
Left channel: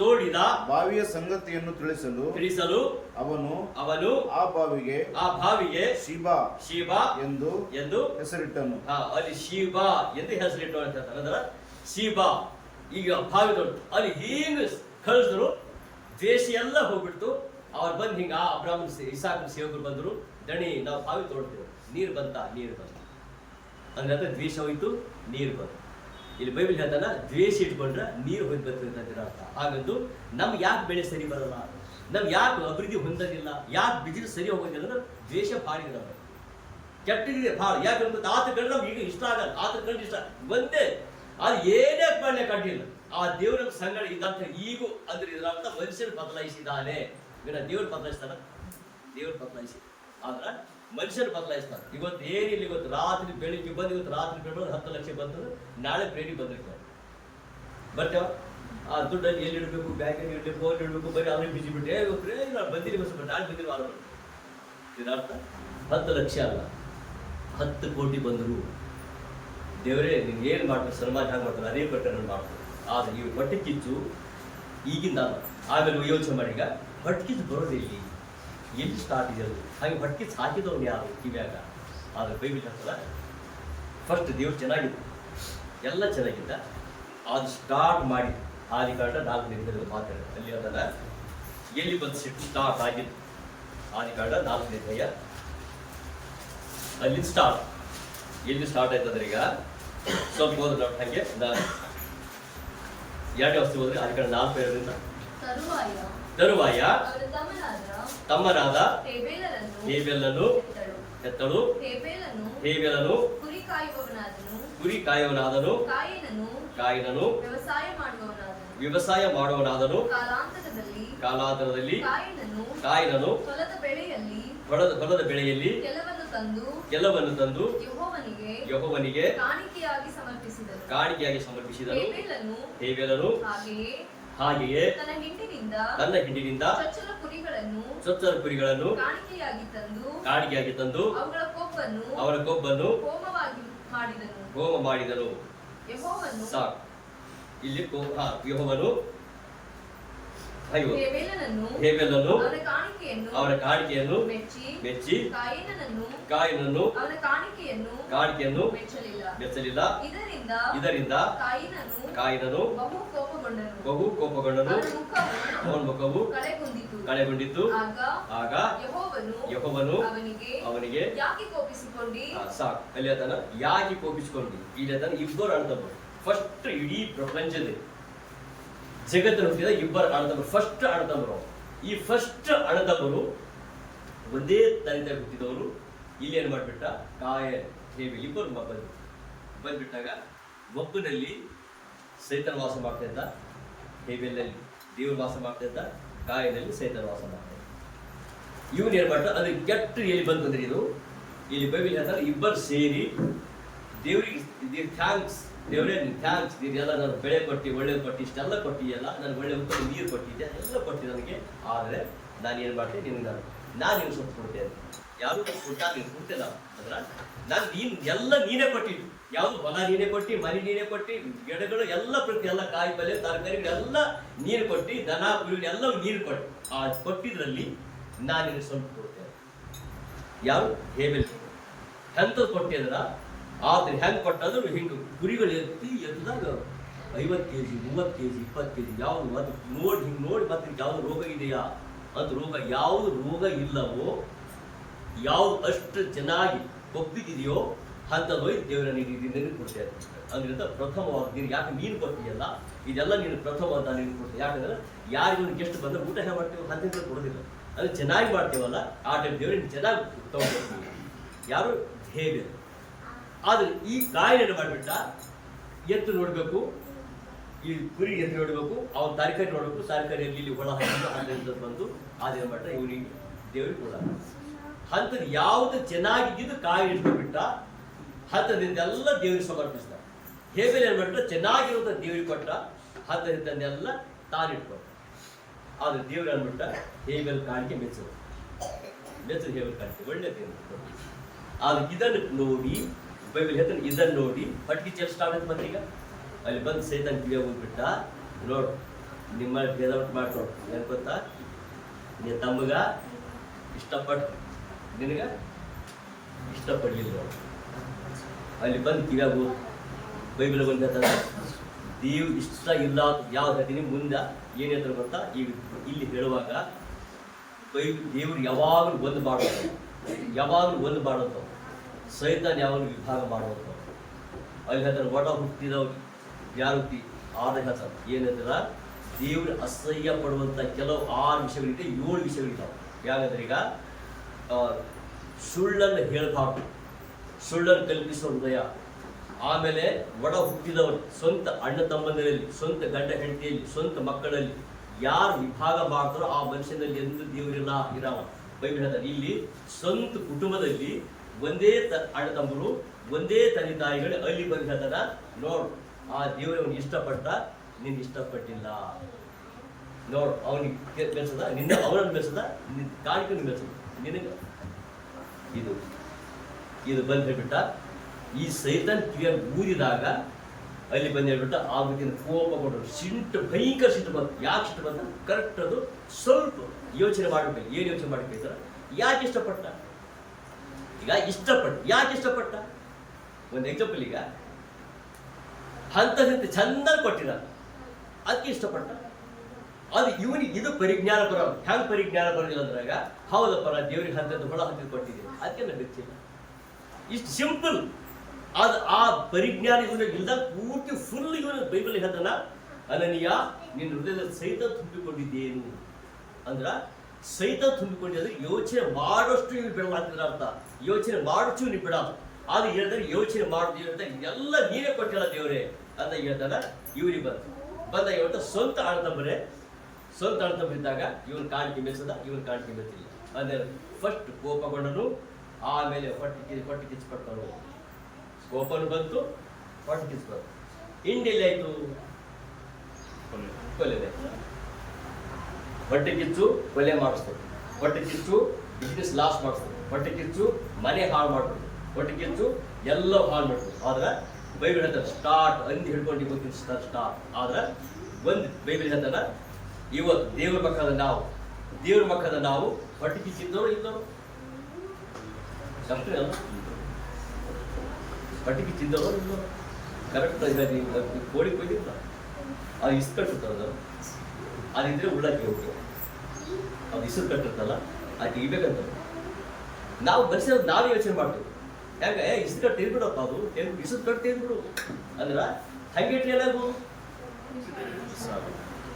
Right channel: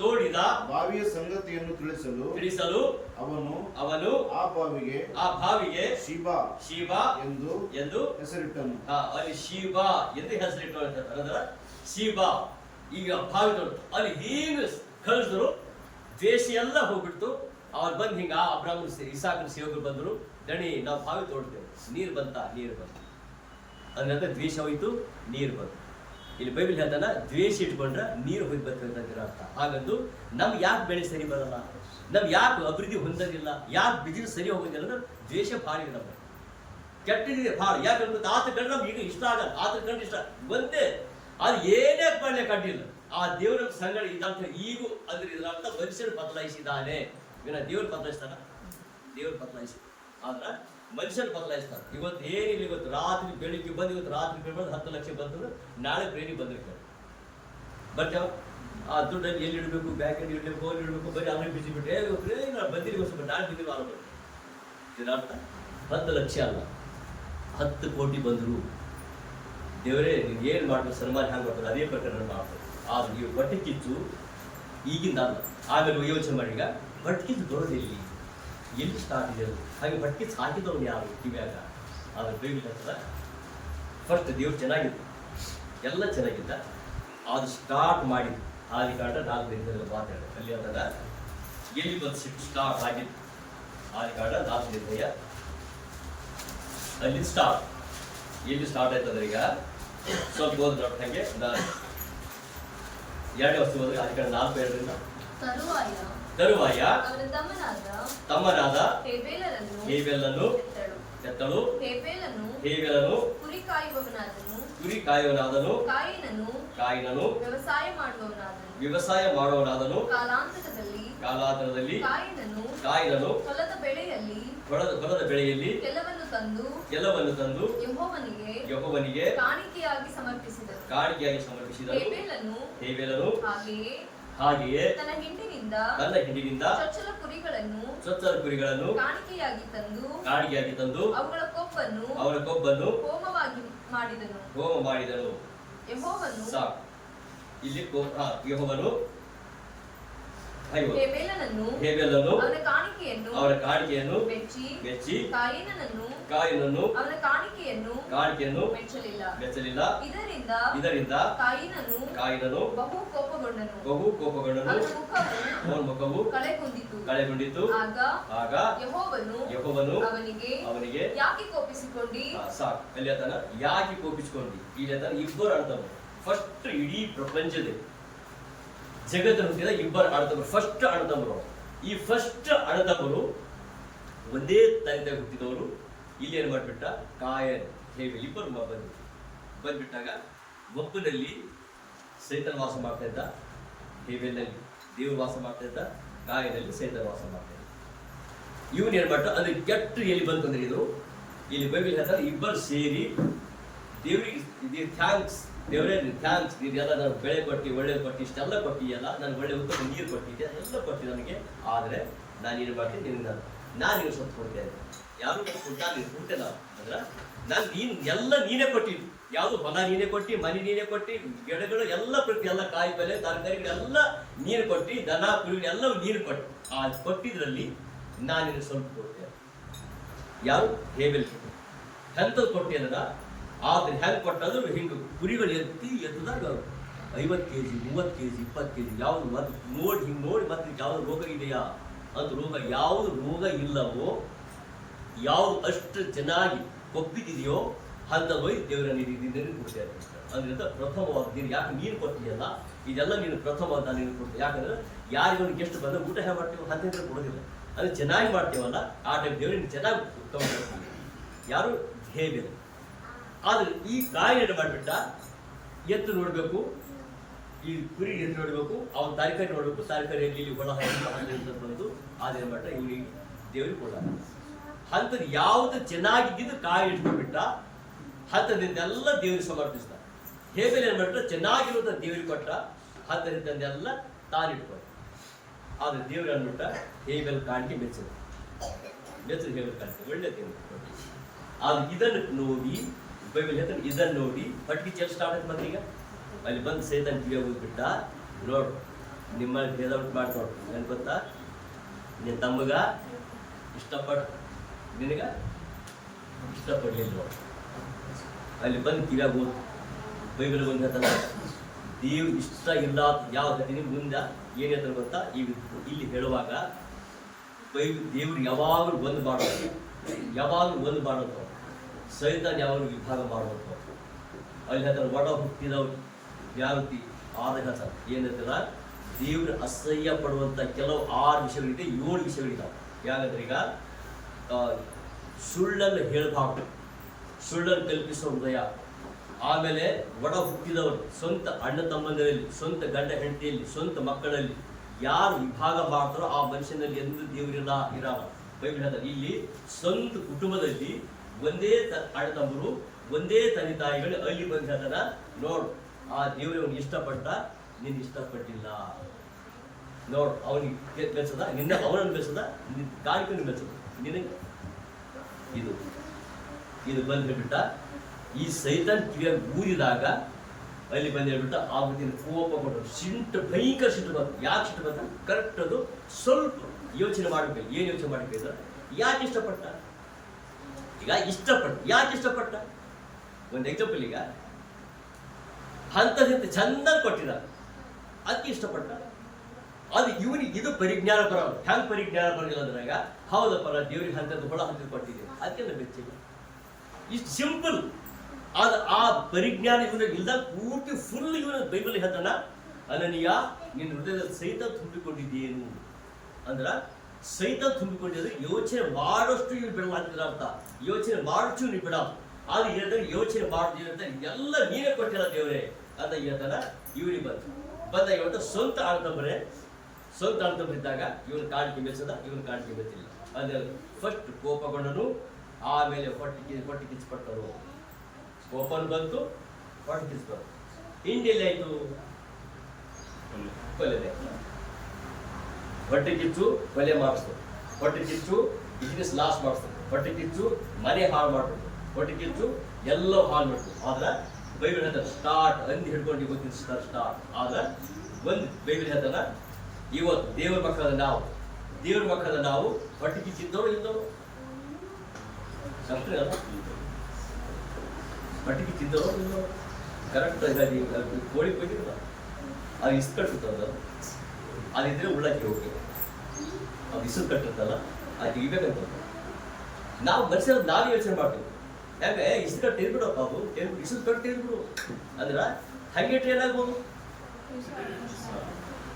ತೋಡಿದ ಬಾವಿಯ ಸಂಗತಿಯನ್ನು ತಿಳಿಸಲು ಅವನು ಆ ಬಾವಿಗೆ ಶೀಬಾ ಎಂದು ಹೆಸರಿಟ್ಟನು. ಅಲ್ಲಿ ಶೀಬಾ ಎಂದು ಹೆಸರಿಟ್ಟು ಅಂದ್ರೆ ಶೀಬಾ ಈಗ ಬಾವಿ ತೋಡ ಅಲ್ಲಿ ಹಿಂಗ ಕಳಿಸಿದ್ರು. ದ್ವೇಷ ಎಲ್ಲ ಹೋಗ್ಬಿಡ್ತು. ಅವ್ರು ಬಂದು ಹಿಂಗ ಅಬ್ರಾಹ್ಮಣ ಇಸಾಕನ ಸೇವಕರು ಬಂದರು. ದಣಿ ನಾವು ಬಾವಿ ತೋಡ್ತೇವೆ, ನೀರು ಬಂತು ಅಂದ್ರೆ ದ್ವೇಷ ಹೋಯ್ತು, ನೀರು ಬಂತು. ಇಲ್ಲಿ ಬೈಬಲ್ ಹೇಳ್ತಾನ ದ್ವೇಷ ಇಟ್ಕೊಂಡ್ರೆ ನೀರು ಹೋಗಿ ಬರ್ತದೆ ಅಂತ ಅರ್ಥ. ಹಾಗಂದು ನಮ್ಗೆ ಯಾಕೆ ಬೆಳೆ ಸರಿ ಬರಲ್ಲ, ನಮ್ಗೆ ಯಾಕೆ ಅಭಿವೃದ್ಧಿ ಹೊಂದೋದಿಲ್ಲ, ಯಾಕೆ ಬಿಸಿಲು ಸರಿ ಹೋಗೋದಿಲ್ಲ ಅಂದ್ರೆ ದ್ವೇಷ ಭಾಳ ನಮ್ಮ ಕೆಟ್ಟಿದೆ ಭಾಳ. ಯಾಕಂದ್ರೆ ಆತ ಕಂಡು ನಮ್ಗೆ ಈಗ ಇಷ್ಟ ಆಗಲ್ಲ, ಆತ ಕಂಡು ಇಷ್ಟ ಒಂದೇ ಅದು ಏನೇ ಮಾಡ್ಲಿಕ್ಕೆ ಅಡ್ಡಿಲ್ಲ. ಆ ದೇವರ ಸಂಗಡ ಇದಂತ ಈಗೂ ಅಂದ್ರೆ ಇದರ ಅರ್ಥ ಮನುಷ್ಯರು ಬದಲಾಯಿಸಿದ್ದಾನೆ. ಇವನ ದೇವ್ರು ಬದಲಾಯಿಸ್ತಾನ, ದೇವ್ರು ಬದಲಾಯಿಸಿ ಆದ್ರೆ ಮನುಷ್ಯರು ಬದಲಾಯಿಸ್ತಾನೆ. ಇವತ್ತು ಏನಿಲ್ಲ, ಇವತ್ತು ರಾತ್ರಿ ಬೆಳಿಗ್ಗೆ ಬಂದು ಇವತ್ತು ರಾತ್ರಿ ಬೆಳಗ್ಗೆ 10 ಲಕ್ಷ ಬಂತಂದ್ರೆ ನಾಳೆ ಬ್ರೇಡಿ ಬಂದ್ರೆ ಬರ್ತಾವ. ಆ ದುಡ್ಡಲ್ಲಿ ಎಲ್ಲಿ ಇಡಬೇಕು, ಬ್ಯಾಂಕಲ್ಲಿ ಇಡಬೇಕು, ಫೋನ್ ಇಡಬೇಕು, ಬರೀ ಅವ್ರಿಗೆ ಬಿಸಿ ಬಿಟ್ಟೆ ಇವತ್ತು ನಾನು ಬಂದಿರಿ ಬಸ್ ನಾಳೆ ಬಂದಿರೋ ವಾರ ಬರ್ತದೆ. ಇದರ ಅರ್ಥ 10 ಲಕ್ಷ ಅಲ್ಲ 10 ಕೋಟಿ ಬಂದರು. ದೇವರೇ ನೀನು ಏನು ಮಾಡ್ತಾರೆ, ಸನ್ಮಾನ ಹ್ಯಾಂಗೆ ಮಾಡ್ತಾರೆ ಅದೇ ಪ್ರಕಾರ ಮಾಡ್ತಾರೆ. ಆದರೆ ನೀವು ಹೊಟ್ಟೆ ಕಿಚ್ಚು ಈಗಿಂದ ಅಲ್ಲ, ಆಮೇಲೆ ಯೋಚನೆ ಮಾಡಿ. ಈಗ ಹೊಟ್ಟೆ ಕಿಚ್ಚು ಬರೋದಿಲ್ಲಿ ಎಲ್ಲಿ ಸ್ಟಾರ್ಟ್ ಇದೆ ಅದು. ಹಾಗೆ ಹೊಟ್ಟೆ ಕಿಚ್ಚು ಹಾಕಿದವ್ರು ಯಾರು ಕಿವ್ಯಾಗ? ಆದರೆ ಬೈಬಲ್ ಹೇಳ್ತದ ಫಸ್ಟ್ ದೇವ್ರು ಚೆನ್ನಾಗಿದ್ದು, ಎಲ್ಲ ಚೆನ್ನಾಗಿದ್ದ. ಅದು ಸ್ಟಾರ್ಟ್ ಮಾಡಿದ್ದು ಆದಿಕಾಂಡ 4ನೇ ಮಾತಾಡ ಅಲ್ಲಿ ಅದನ್ನ ಎಲ್ಲಿ ಬಂದು ಸ್ಟಾರ್ಟ್ ಆಗಿದ್ದು. ಆದಿಕಾಂಡ 4ನೇ ಅಧ್ಯಾಯ ಅಲ್ಲಿ ಸ್ಟಾರ್ಟ್. ಎಲ್ಲಿ ಸ್ಟಾರ್ಟ್ ಆಯ್ತಂದ್ರೆ ಈಗ ಸ್ವಲ್ಪ ಹೋದ್ರೆ ಹಾಗೆ 2ನೇ ವಸ್ತು ಹೋದ್ರೆ ಆದಿಕಾಂಡ 4:5 ತರುವಾಯ ತಮ್ಮನಾದ ಹೇಬೆಲನ್ನು ಹೆತ್ತಳು. ಹೇಬೆಲನು ಕುರಿ ಕಾಯುವನಾದನು, ಕಾಯಿನನು ವ್ಯವಸಾಯ ಮಾಡುವನಾದನು. ಕಾಲಾಂತರದಲ್ಲಿ ಕಾಯಿನನು ಹೊಲದ ಬೆಳೆಯಲ್ಲಿ ಕೆಲವನ್ನು ತಂದು ಯೆಹೋವನಿಗೆ ಕಾಣಿಕೆಯಾಗಿ ಸಮರ್ಪಿಸಿದನು. ಹೇಬೆಲನು ಹಾಗೆಯೇ ತನ್ನ ಹಿಂಡಿನಿಂದ ಚೊಚ್ಚಲ ಕುರಿಗಳನ್ನು ಕಾಣಿಕೆಯಾಗಿ ತಂದು ಅವರ ಕೊಬ್ಬನ್ನು ಹೋಮ ಮಾಡಿದನು. ಸಾಕು. ಇಲ್ಲಿ ಯೆಹೋವನು ಹೇಬೆಲನ್ನು ಅವರ ಕಾಣಿಕೆಯನ್ನು ಮೆಚ್ಚಿ ಕಾಯಿನನ್ನು ಕಾಣಿಕೆಯನ್ನು ಮೆಚ್ಚಲಿಲ್ಲ. ಇದರಿಂದ ಕಾಯಿನನು ಬಹು ಕೋಪಗೊಂಡನು, ಅವನ ಮುಖವು ಕಳೆಗೊಂಡಿತು. ಆಗ ಯೆಹೋವನು ಅವನಿಗೆ ಸಾಕು ಅಲ್ಲಿ ಆತನ ಯಾಕೆ ಕೋಪಿಸಿಕೊಂಡಿ. ಇಲ್ಲಿ ಆತನ ಇಬ್ಬರು ಅಣ್ಣತಮ್ಮರು. ಫಸ್ಟ್ ಇಡೀ ಪ್ರಪಂಚದಲ್ಲಿ ಜಗತ್ತಿನ ಹುಟ್ಟಿದ ಇಬ್ಬರು ಅಣ್ಣತಮ್ಮರು, ಫಸ್ಟ್ ಅಣ್ಣತಮ್ಮರು. ಈ ಫಸ್ಟ್ ಅಣ್ಣತಮ್ಮರು ಒಂದೇ ತಂದೆ ಹುಟ್ಟಿದವರು. ಇಲ್ಲಿ ಏನು ಮಾಡಿಬಿಟ್ಟ, ಕಾಯನ್ ಹೇಬೆಲ್ ಇಬ್ಬರು ಬಂದ್ಬಿಟ್ಟಾಗ ಒಬ್ಬನಲ್ಲಿ ಸೈತನ ವಾಸ ಮಾಡ್ತಾ ಇದ್ದ, ಹೇಬೆಲ್ನಲ್ಲಿ ದೇವರು ವಾಸ ಮಾಡ್ತಾ ಇದ್ದ, ಕಾಯನಲ್ಲಿ ಸೈತನ ವಾಸ ಮಾಡ್ತಾ ಇದ್ದ. ಇವನ್ ಏನ್ ಮಾಡ್ತಾರೆ ಅಂದ್ರೆ ಕೆಟ್ಟ ಎಲ್ಲಿ ಬಂತಂದ್ರೆ ಇದು ಇಲ್ಲಿ ಬೈಬಲ್ ಹೇಳ್ತಾರೆ ಇಬ್ಬರು ಸೇರಿ ದೇವರಿಗೆ ಥ್ಯಾಂಕ್ಸ್, ದೇವರೇ ಥ್ಯಾಂಕ್ಸ್, ನೀನೆಲ್ಲ ನಾನು ಬೆಳೆ ಕೊಟ್ಟು ಒಳ್ಳೇದು ಕೊಟ್ಟು ಇಷ್ಟೆಲ್ಲ ಕೊಟ್ಟಿಯಲ್ಲ, ನನಗೆ ಒಳ್ಳೆ ಉತ್ತಮ ನೀರು ಕೊಟ್ಟಿದ್ದೆ, ಎಲ್ಲ ಕೊಟ್ಟು ನನಗೆ. ಆದರೆ ನಾನೇನು ಮಾಡ್ತೇನೆ, ನಿನಗೆ ನಾನು ಸ್ವಲ್ಪ ಕೊಡ್ತೇನೆ. ಯಾರು ಕೊಟ್ಟಾಗ ನೀನು ಕೊಡ್ತೇನೆ ನಾವು ಅಂದ್ರೆ ನಾನು ಎಲ್ಲ ನೀನೇ ಕೊಟ್ಟಿದ್ದು. ಯಾವುದು ಹೊಲ ನೀನೇ ಕೊಟ್ಟು, ಮನೆ ನೀನೇ ಕೊಟ್ಟು, ಗಿಡಗಳು ಎಲ್ಲ ಪ್ರತಿ ಎಲ್ಲ ಕಾಯಿ ಪಲ್ಯ ತರಕಾರಿಗಳೆಲ್ಲ ನೀರು ಕೊಟ್ಟು, ದನ ಕುರಿಗಳೆಲ್ಲ ನೀರು ಕೊಟ್ಟು ಆ ಕೊಟ್ಟಿದ್ರಲ್ಲಿ ನಾನು ನಿನಗೆ ಸ್ವಲ್ಪ ಕೊಡ್ತೇನೆ. ಯಾರು ಹೇಬೆಲ್ ಎಂಥದ್ದು ಕೊಟ್ಟಿ ಅಂದ್ರೆ ಆದ್ರೆ ಹೆಂಗೆ ಕೊಟ್ಟಾದ್ರು ಹಿಂಗೆ ಕುರಿಗಳು ಎತ್ತದಾಗ 50 kg 30 kg 20 kg ಯಾವುದು ಮತ್ತು ನೋಡಿ ಹಿಂಗೆ ನೋಡಿ ಮತ್ತೆ ಯಾವುದು ರೋಗ ಇದೆಯಾ ಅಂತ ಯಾವುದು ರೋಗ ಇಲ್ಲವೋ, ಯಾವುದು ಅಷ್ಟು ಚೆನ್ನಾಗಿ ಕೊಬ್ಬಿದೆಯೋ ಅಂತ ಹೋಗಿ ದೇವರ ನೀನು ಕೊಡ್ತಾ ಇರ್ತಾರೆ. ಅಂದ್ರೆ ಪ್ರಥಮವಾದ ನೀನು ಯಾಕೆ ನೀನು ಕೊಡ್ತೀಯಲ್ಲ, ಇದೆಲ್ಲ ನೀನು ಪ್ರಥಮ ಅಂತ ನೀನು ಕೊಡ್ತೀವಿ. ಯಾಕಂದ್ರೆ ಯಾರಿಗೊಂದು ಗೆಸ್ಟ್ ಬಂದ್ರೆ ಊಟ ಹೇಗೆ ಮಾಡ್ತೀವಿ ಅಂತ ಕೊಡೋದಿಲ್ಲ. ಅದು ಚೆನ್ನಾಗಿ ಮಾಡ್ತೀವಲ್ಲ ಆ ಟೈಮ್ ದೇವರಿಗೆ ಚೆನ್ನಾಗಿ ತಗೊಂಡ್ಬರ್ತೀವಿ. ಯಾರು ಹೇಬೆಲ್. ಆದ್ರೆ ಈ ಕಾಯಿನ ಮಾಡಿಬಿಟ್ಟ, ಎತ್ತು ನೋಡಬೇಕು, ಈ ಕುರಿ ಎತ್ತು ನೋಡಬೇಕು, ಅವನ ತರಕಾರಿ ನೋಡಬೇಕು, ತರಕಾರಿಯಲ್ಲಿ ಇಲ್ಲಿ ಒಳ ಹಂತ ಬಂದು ಆದಿನ ಮಟ್ಟ ಇವನಿಗೆ ದೇವರಿಗೆ ಕೊಡ ಅಂಥದ್ದು ಯಾವುದು ಚೆನ್ನಾಗಿದ್ದು ಕಾಯಿ ಇಟ್ಕೊಂಡ್ಬಿಟ್ಟ. ಹತ್ತದಿಂದೆಲ್ಲ ದೇವರಿಗೆ ಸಮರ್ಪಿಸಿದ. ಹೇಬೆಲ್ ಏನ್ ಮಾಡ್ಬಿಟ್ರೆ ಚೆನ್ನಾಗಿರುವಂತ ದೇವರಿಗೆ ಕೊಟ್ಟ, ಹತ್ತದಿಂದೆಲ್ಲ ತಾನಿಟ್ಕೊಂಡ. ಆದ್ರೆ ದೇವ್ರು ಅಂದ್ಬಿಟ್ಟ ಹೇಬೆಲ್ ಕಾಣಿಕೆ ಮೆಚ್ಚೋದು ಹೇಬೆಲ್ ಕಾಣಿಕೆ ಒಳ್ಳೆ ದೇವರು ಕೊಟ್ಟು. ಆದ್ರೆ ಇದನ್ನು ನೋಡಿ ಬೈಬಲ್ ಹೇಳ್ತಾನೆ, ಇದನ್ನು ನೋಡಿ ಪಟ್ಟಿ ಚೆಲ್ ಸ್ಟಾರ್ಟ್ ಆಯ್ತು. ಮತ್ತೀಗ ಅಲ್ಲಿ ಬಂದು ಸೈತಾನ್ ಕಿವಿಯಾಗ ಹೋಗ್ಬಿಟ್ಟ, ನೋಡು ನಿಮ್ಮ ಭೇದ ಉಂಟು ಮಾಡಿ ನೋಡು, ಏನ್ ಗೊತ್ತಾ, ನಿನ್ನ ತಮ್ಮಗ ಇಷ್ಟಪಟ್ಟು ನಿನಗ ಇಷ್ಟಪಡ್ಲಿಲ್ಲ ನೋಡು. ಅಲ್ಲಿ ಬಂದು ಕಿವಿಯಾಗ ಹೋದ್ ಬೈಬಲ್ ಬಂದು ಹೇಳ್ತಾನೆ, ದೇವ್ ಇಷ್ಟ ಇಲ್ಲ ಯಾವ್ದು ಹೇಳ್ತೀನಿ ಮುಂದೆ ಏನ್ ಹೇಳ್ತಾರೆ ಗೊತ್ತಾ, ಈಗ ಇಲ್ಲಿ ಹೇಳುವಾಗ ದೇವ್ರು ಯಾವಾಗಲೂ ಒಂದು ಮಾಡೋದು, ಸೈತಾನ್ ಯಾವಾಗಲೂ ವಿಭಾಗ ಮಾಡೋದು. ಅಲ್ಲಿ ಹೇಳ್ತಾರೆ ಒಡ ಹುಟ್ಟಿದವ್ರು ಜ್ಞಾನತಿ ಆರು ಹೇಳ್ತಾರೆ ಏನಂದ್ರ ದೇವ್ರು ಅಸಹ್ಯ ಪಡುವಂತ ಕೆಲವು 6 ವಿಷಯಗಳಿದೆ, 7 ವಿಷಯಗಳಿದಾವೆ. ಯಾಕಂದ್ರೆ ಈಗ ಸುಳ್ಳನ್ನು ಹೇಳಬಾರ್ದು, ಸುಳ್ಳನ್ನು ಕಲ್ಪಿಸೋ ಹೃದಯ. ಆಮೇಲೆ ಒಡ ಹುಟ್ಟಿದವರು ಸ್ವಂತ ಅಣ್ಣ ತಮ್ಮಂದಿರಲ್ಲಿ, ಸ್ವಂತ ಗಂಡ ಹೆಂಡತಿಯಲ್ಲಿ, ಸ್ವಂತ ಮಕ್ಕಳಲ್ಲಿ ಯಾರು ವಿಭಾಗ ಮಾಡ್ತಾರೋ ಆ ಮನುಷ್ಯನಲ್ಲಿ ಎಂದು ದೇವರಿಲ್ಲ ಇರಲ್ಲ. ಬೈಬಲ್ ಹೇಳ್ತಾರೆ ಇಲ್ಲಿ ಸ್ವಂತ ಕುಟುಂಬದಲ್ಲಿ ಒಂದೇ ಅಣ್ಣ ತಮ್ಮರು, ಒಂದೇ ತಂದೆ ತಾಯಿಗಳು ಅಲ್ಲಿ ಬಂದು ಹೇಳ್ತಾರ, ನೋಡು ಆ ದೇವರವನು ಇಷ್ಟಪಟ್ಟ, ನೀನು ಇಷ್ಟಪಟ್ಟಿಲ್ಲ ನೋಡು, ಅವನಿಗೆ ಮೆಚ್ಚದ, ಅವನನ್ನು ಮೆಚ್ಚದ, ಕಾಣಿಕೆಯನ್ನು ಮೆಚ್ಚದ ನಿನಗೆ. ಇದು ಬಂದು ಹೇಳ್ಬಿಟ್ಟ. ಈ ಸೈತಾನ್ ಕಿವಿಯಾಗ ಊದಿದಾಗ ಅಲ್ಲಿ ಬಂದು ಹೇಳ್ಬಿಟ್ಟ, ಆಗುತ್ತಿನ ಕೋಪಗೊಂಡು ಭಯಂಕರ ಸಿಟ್ಟು ಬಂತು. ಯಾಕೆ ಸಿಟ್ಟು ಬಂತ ಕರೆಕ್ಟ್ ಅದು ಸ್ವಲ್ಪ ಯೋಚನೆ ಮಾಡಬೇಕು. ಏನು ಯೋಚನೆ ಮಾಡಬೇಕಿದ್ರೆ ಯಾಕೆ ಇಷ್ಟಪಟ್ಟ, ಈಗ ಯಾಕೆ ಇಷ್ಟಪಟ್ಟ ಒಂದು ಎಕ್ಸಾಂಪಲ್, ಈಗ ಹಂತ ಚಂದ ಕೊಟ್ಟಿದ ಅದಕ್ಕೆ ಇಷ್ಟಪಟ್ಟ. ಅದು ಇವನಿಗೆ ಇದು ಪರಿಜ್ಞಾನ ಬರೋಲ್ಲ. ಹೆಂಗ್ ಪರಿಜ್ಞಾನ ಬರೋದಿಲ್ಲ ಅಂದ್ರಾಗ, ಹೌದಪ್ಪರ ದೇವ್ರಿಗೆ ಹಂತದ್ದು ಹೊಳ ಹಂತದ್ದು ಕೊಟ್ಟಿದೆ ಅದಕ್ಕೆ ನಾನು ಬೆಚ್ಚಿಲ್ಲ. ಇಷ್ಟು ಸಿಂಪಲ್. ಅದು ಆ ಪರಿಜ್ಞಾನ ಇವನ ಇಲ್ದಾಗ ಪೂರ್ತಿ ಫುಲ್ ಇವನ ಬೈಬಲ್ ಹೇಳ್ತಾನ, ಅನನೀಯ ನಿನ್ನ ಹೃದಯದಲ್ಲಿ ಸೈತಾನ್ ತುಂಬಿಕೊಂಡಿದ್ದೇನು ಅಂದ್ರ, ಸೈತಾನ್ ತುಂಬಿಕೊಂಡಿದ್ರೆ ಯೋಚನೆ ಮಾಡೋಷ್ಟು ಇವ್ರು ಬಿಡಲಾಗ್ತಿದ್ರ ಅರ್ಥ. ಯೋಚನೆ ಮಾಡೋಷ್ಟು ನೀವು ಬಿಡಲ್ಲ. ಅದು ಹೇಳಿದ್ರೆ ಯೋಚನೆ ಮಾಡೋದು ಎಲ್ಲ ನೀನೇ ಕೊಟ್ಟಿಲ್ಲ ದೇವರೇ ಅಂತ ಹೇಳ್ತಾನ. ಇವ್ರಿಗೆ ಬಂದ ಇವತ್ತ ಸ್ವಂತ ಅಣ್ತಂಬರಿದ್ದಾಗ ಇವನ್ ಕಾಣಿಕೆ ಮೆಚ್ಚದ, ಇವನ್ ಕಾಣಿಕೆ ಮೆಚ್ಚಿಲ್ಲ. ಅಂದ್ರೆ ಫಸ್ಟ್ ಕೋಪಗೊಂಡನು, ಆಮೇಲೆ ಹೊಟ್ಟೆ ಕಿಚ್ಚಪಟ್ಟನು. ಕೋಪನು ಬಂತು, ಹೊಟ್ಟೆ ಕಿಚ್ಚು ಬಂತು. ಹಿಂದೆಲ್ಲಿ ಆಯ್ತು ಕೊಲೆದೆ. ಹೊಟ್ಟೆ ಕಿಚ್ಚು ಕೊಲೆ ಮಾಡಿಸ್ತದೆ, ಹೊಟ್ಟೆ ಕಿಚ್ಚು ಬಿಸ್ನೆಸ್ ಲಾಸ್ ಮಾಡಿಸ್ತದೆ, ಹೊಟ್ಟೆ ಕಿಚ್ಚು ಮನೆ ಹಾಳು ಮಾಡ್ಬಿಡ್ತು, ಹೊಟ್ಟೆ ಕಿಚ್ಚು ಎಲ್ಲ ಹಾಳು ಮಾಡ್ತು. ಆದ್ರೆ ಬೈಬಲ್ ಹೇಳ್ತಾರೆ ಸ್ಟಾರ್ಟ್ ಅಂದಿ ಹಿಡ್ಕೊಂಡು ಇವತ್ತಿನ ಸ್ಟಾರ್ಟ್. ಆದ್ರೆ ಒಂದು ಬೈಬಲ್ ಹೇಳ್ತಾರ, ಇವತ್ತು ದೇವ್ರ ಮಕ್ಕಳ ನಾವು ಹೊಟ್ಟೆ ಕಿಚ್ಚಿದ್ದವರು ಇದ್ದವರು ಕಂಪ್ನಿ ಅಲ್ಲ, ಹೊಟ್ಟೆ ಕಿಚ್ಚಿದ್ದವರು ಇದ್ದವರು ಕರೆಕ್ಟ್. ಕೋಳಿ ಕೊಯ್ದಿಲ್ಲ, ಅದು ಇಸ್ ಕಟ್ಟಿರ್ತದ, ಅದಿದ್ರೆ ಉಳ್ಳಾಕಿ ಹೋಗಿ ಅದು ಇಸದ್ ಕಟ್ಟಿರ್ತಲ್ಲ, ಅದು ತೆಗಿಬೇಕಂತ ನಾವು ಮನುಷ್ಯರು ನಾವೇ ಯೋಚನೆ ಮಾಡ್ತೀವಿ. ಹೆಂಗ ಇಸದ್ ಕಟ್ಟು ತೆಗೆದ್ಬಿಡಪ್ಪ, ಅದು ತೆಗೆದ್ಬಿಡು, ಇಸದ್ ಕಟ್ಟು ತೆಗೆದ್ಬಿಡು ಅಂದ್ರ ಹಂಗೆ ಟ್ರೈನ್ ಆಗ್ಬೋದು.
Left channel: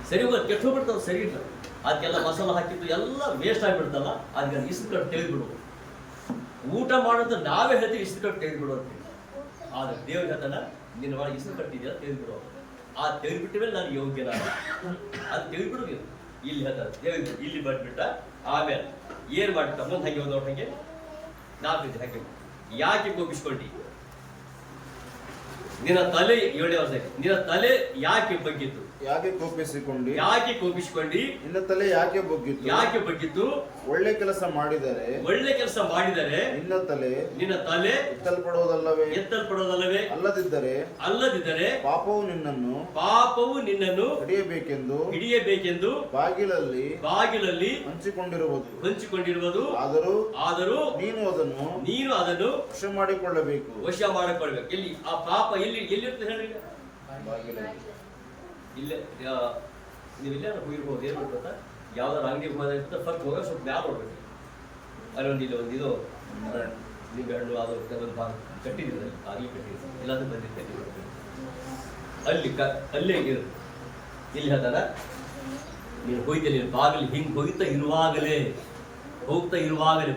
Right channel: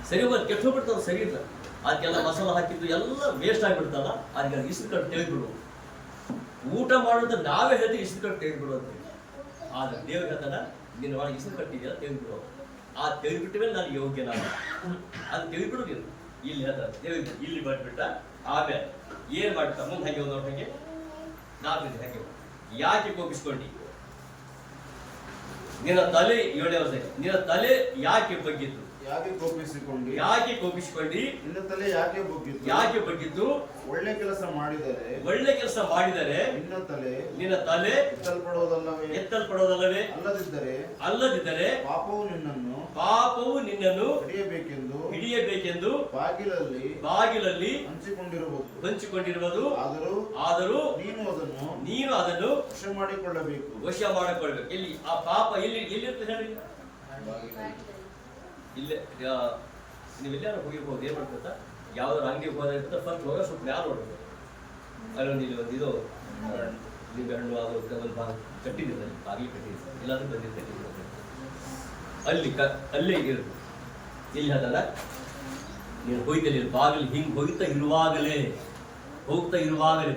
ಸರಿ ಹೋಗಿ ಕೆಟ್ಟು ಹೋಗ್ಬಿಡ್ತದ, ಸರಿ ಇಲ್ಲ, ಅದಕ್ಕೆಲ್ಲ ಮಸಾಲ ಹಾಕಿದ್ದು ಎಲ್ಲ ವೇಸ್ಟ್ ಆಗಿಬಿಡ್ತಲ್ಲ, ಅದಕ್ಕೆ ಇಸದ್ ಕಟ್ಟು ತೆಗೆದ್ಬಿಡು. ಊಟ ಮಾಡೋಂತ ನಾವೇ ಹೇಳ್ತೀವಿ ಇಸದ್ ಕಟ್ಟು ತೆಗೆದ್ಬಿಡು ಅಂತೇಳಿ. ಆದ್ರೆ ದೇವ್ರ ಹೇಳ್ತಾನ, ನಿನ್ನ ಒಳಗೆ ಇಸದ್ ಕಟ್ಟಿದೆಯಲ್ಲ ತೆಗೆದ್ಬಿಡು. ಆ ತೆಗೆದ್ಬಿಟ್ಟ ಮೇಲೆ ನಾನು ಯೋಗ್ಯನಾಗ ಅದು ತೆಗೆದ್ಬಿಡು ನೀನು. ಇಲ್ಲಿ ಹೇಳ್ತಾರೆ ತೆಗೆದ್ಬಿಟ್ಟು ಇಲ್ಲಿ ಬಂದ್ಬಿಟ್ಟ. ಆಮೇಲೆ ಏನ್ ಮಾಡ್ತಾ ಮುಂದೆ ಹಾಗೆ ಒಂದು ಹಾಗೆ ನಾಲ್ಕು ಹಾಗೆ ಯಾಕೆ ಕೋಪಿಸ್ಕೊಂಡಿ, ನಿನ್ನ ತಲೆ 7ನೇ ವರ್ಷ, ನಿನ್ನ ತಲೆ ಯಾಕೆ ಬಗ್ಗಿತ್ತು, ಯಾಕೆ ಕೋಪಿಸಿಕೊಂಡಿ, ನಿನ್ನ ತಲೆ ಯಾಕೆ ಬಗ್ಗಿತ್ತು, ಒಳ್ಳೆ ಕೆಲಸ ಮಾಡಿದರೆ ನಿನ್ನ ತಲೆ ಎತ್ತಲ್ಪಡುವುದಲ್ಲವೇ, ಅಲ್ಲದಿದ್ದರೆ ಪಾಪವು ನಿನ್ನನ್ನು ಹಿಡಿಯಬೇಕೆಂದು ಬಾಗಿಲಲ್ಲಿ ಹಂಚಿಕೊಂಡಿರುವುದು. ಆದರೂ ನೀನು ಅದನ್ನು ವಶ ಮಾಡಿಕೊಳ್ಳಬೇಕು. ಎಲ್ಲಿ ಆ ಪಾಪ ಎಲ್ಲಿರ್ತದೆ ಹೇಳಿ, ಇಲ್ಲೇ ನೀವೆಲ್ಲ ಹೋಗಿರ್ಬೋದು. ಏನ್ ಮಾಡ್ಕೊತಾ ಯಾವ್ದಾರು ಅಂಗಡಿಗೆ ಹೋದ ಫಸ್ಟ್ ಹೋಗ ಸ್ವಲ್ಪ ಮ್ಯಾಲ ನೋಡ್ಬೇಕು. ಅಲ್ಲೊಂದು ಇಲ್ಲಿ ಒಂದು ಇದು ನಿಂಬೆ ಹಣ್ಣು ಅದು ಒಂದು ಭಾಗ ಕಟ್ಟಿದ್ರು, ಅಲ್ಲಿ ಬಾಗಿಲು ಕಟ್ಟಿದ್ರು, ಎಲ್ಲಾದ್ರೂ ಬಂದಿರ್ತದೆ ಅಲ್ಲೇ ಇರುತ್ತೆ. ಇಲ್ಲಿ ಹೇಳ್ತಾರ, ನೀನು ಹೋಯ್ತಲ್ಲಿ ಬಾಗಿಲು ಹಿಂಗೆ ಹೋಗ್ತಾ ಇರುವಾಗಲೇ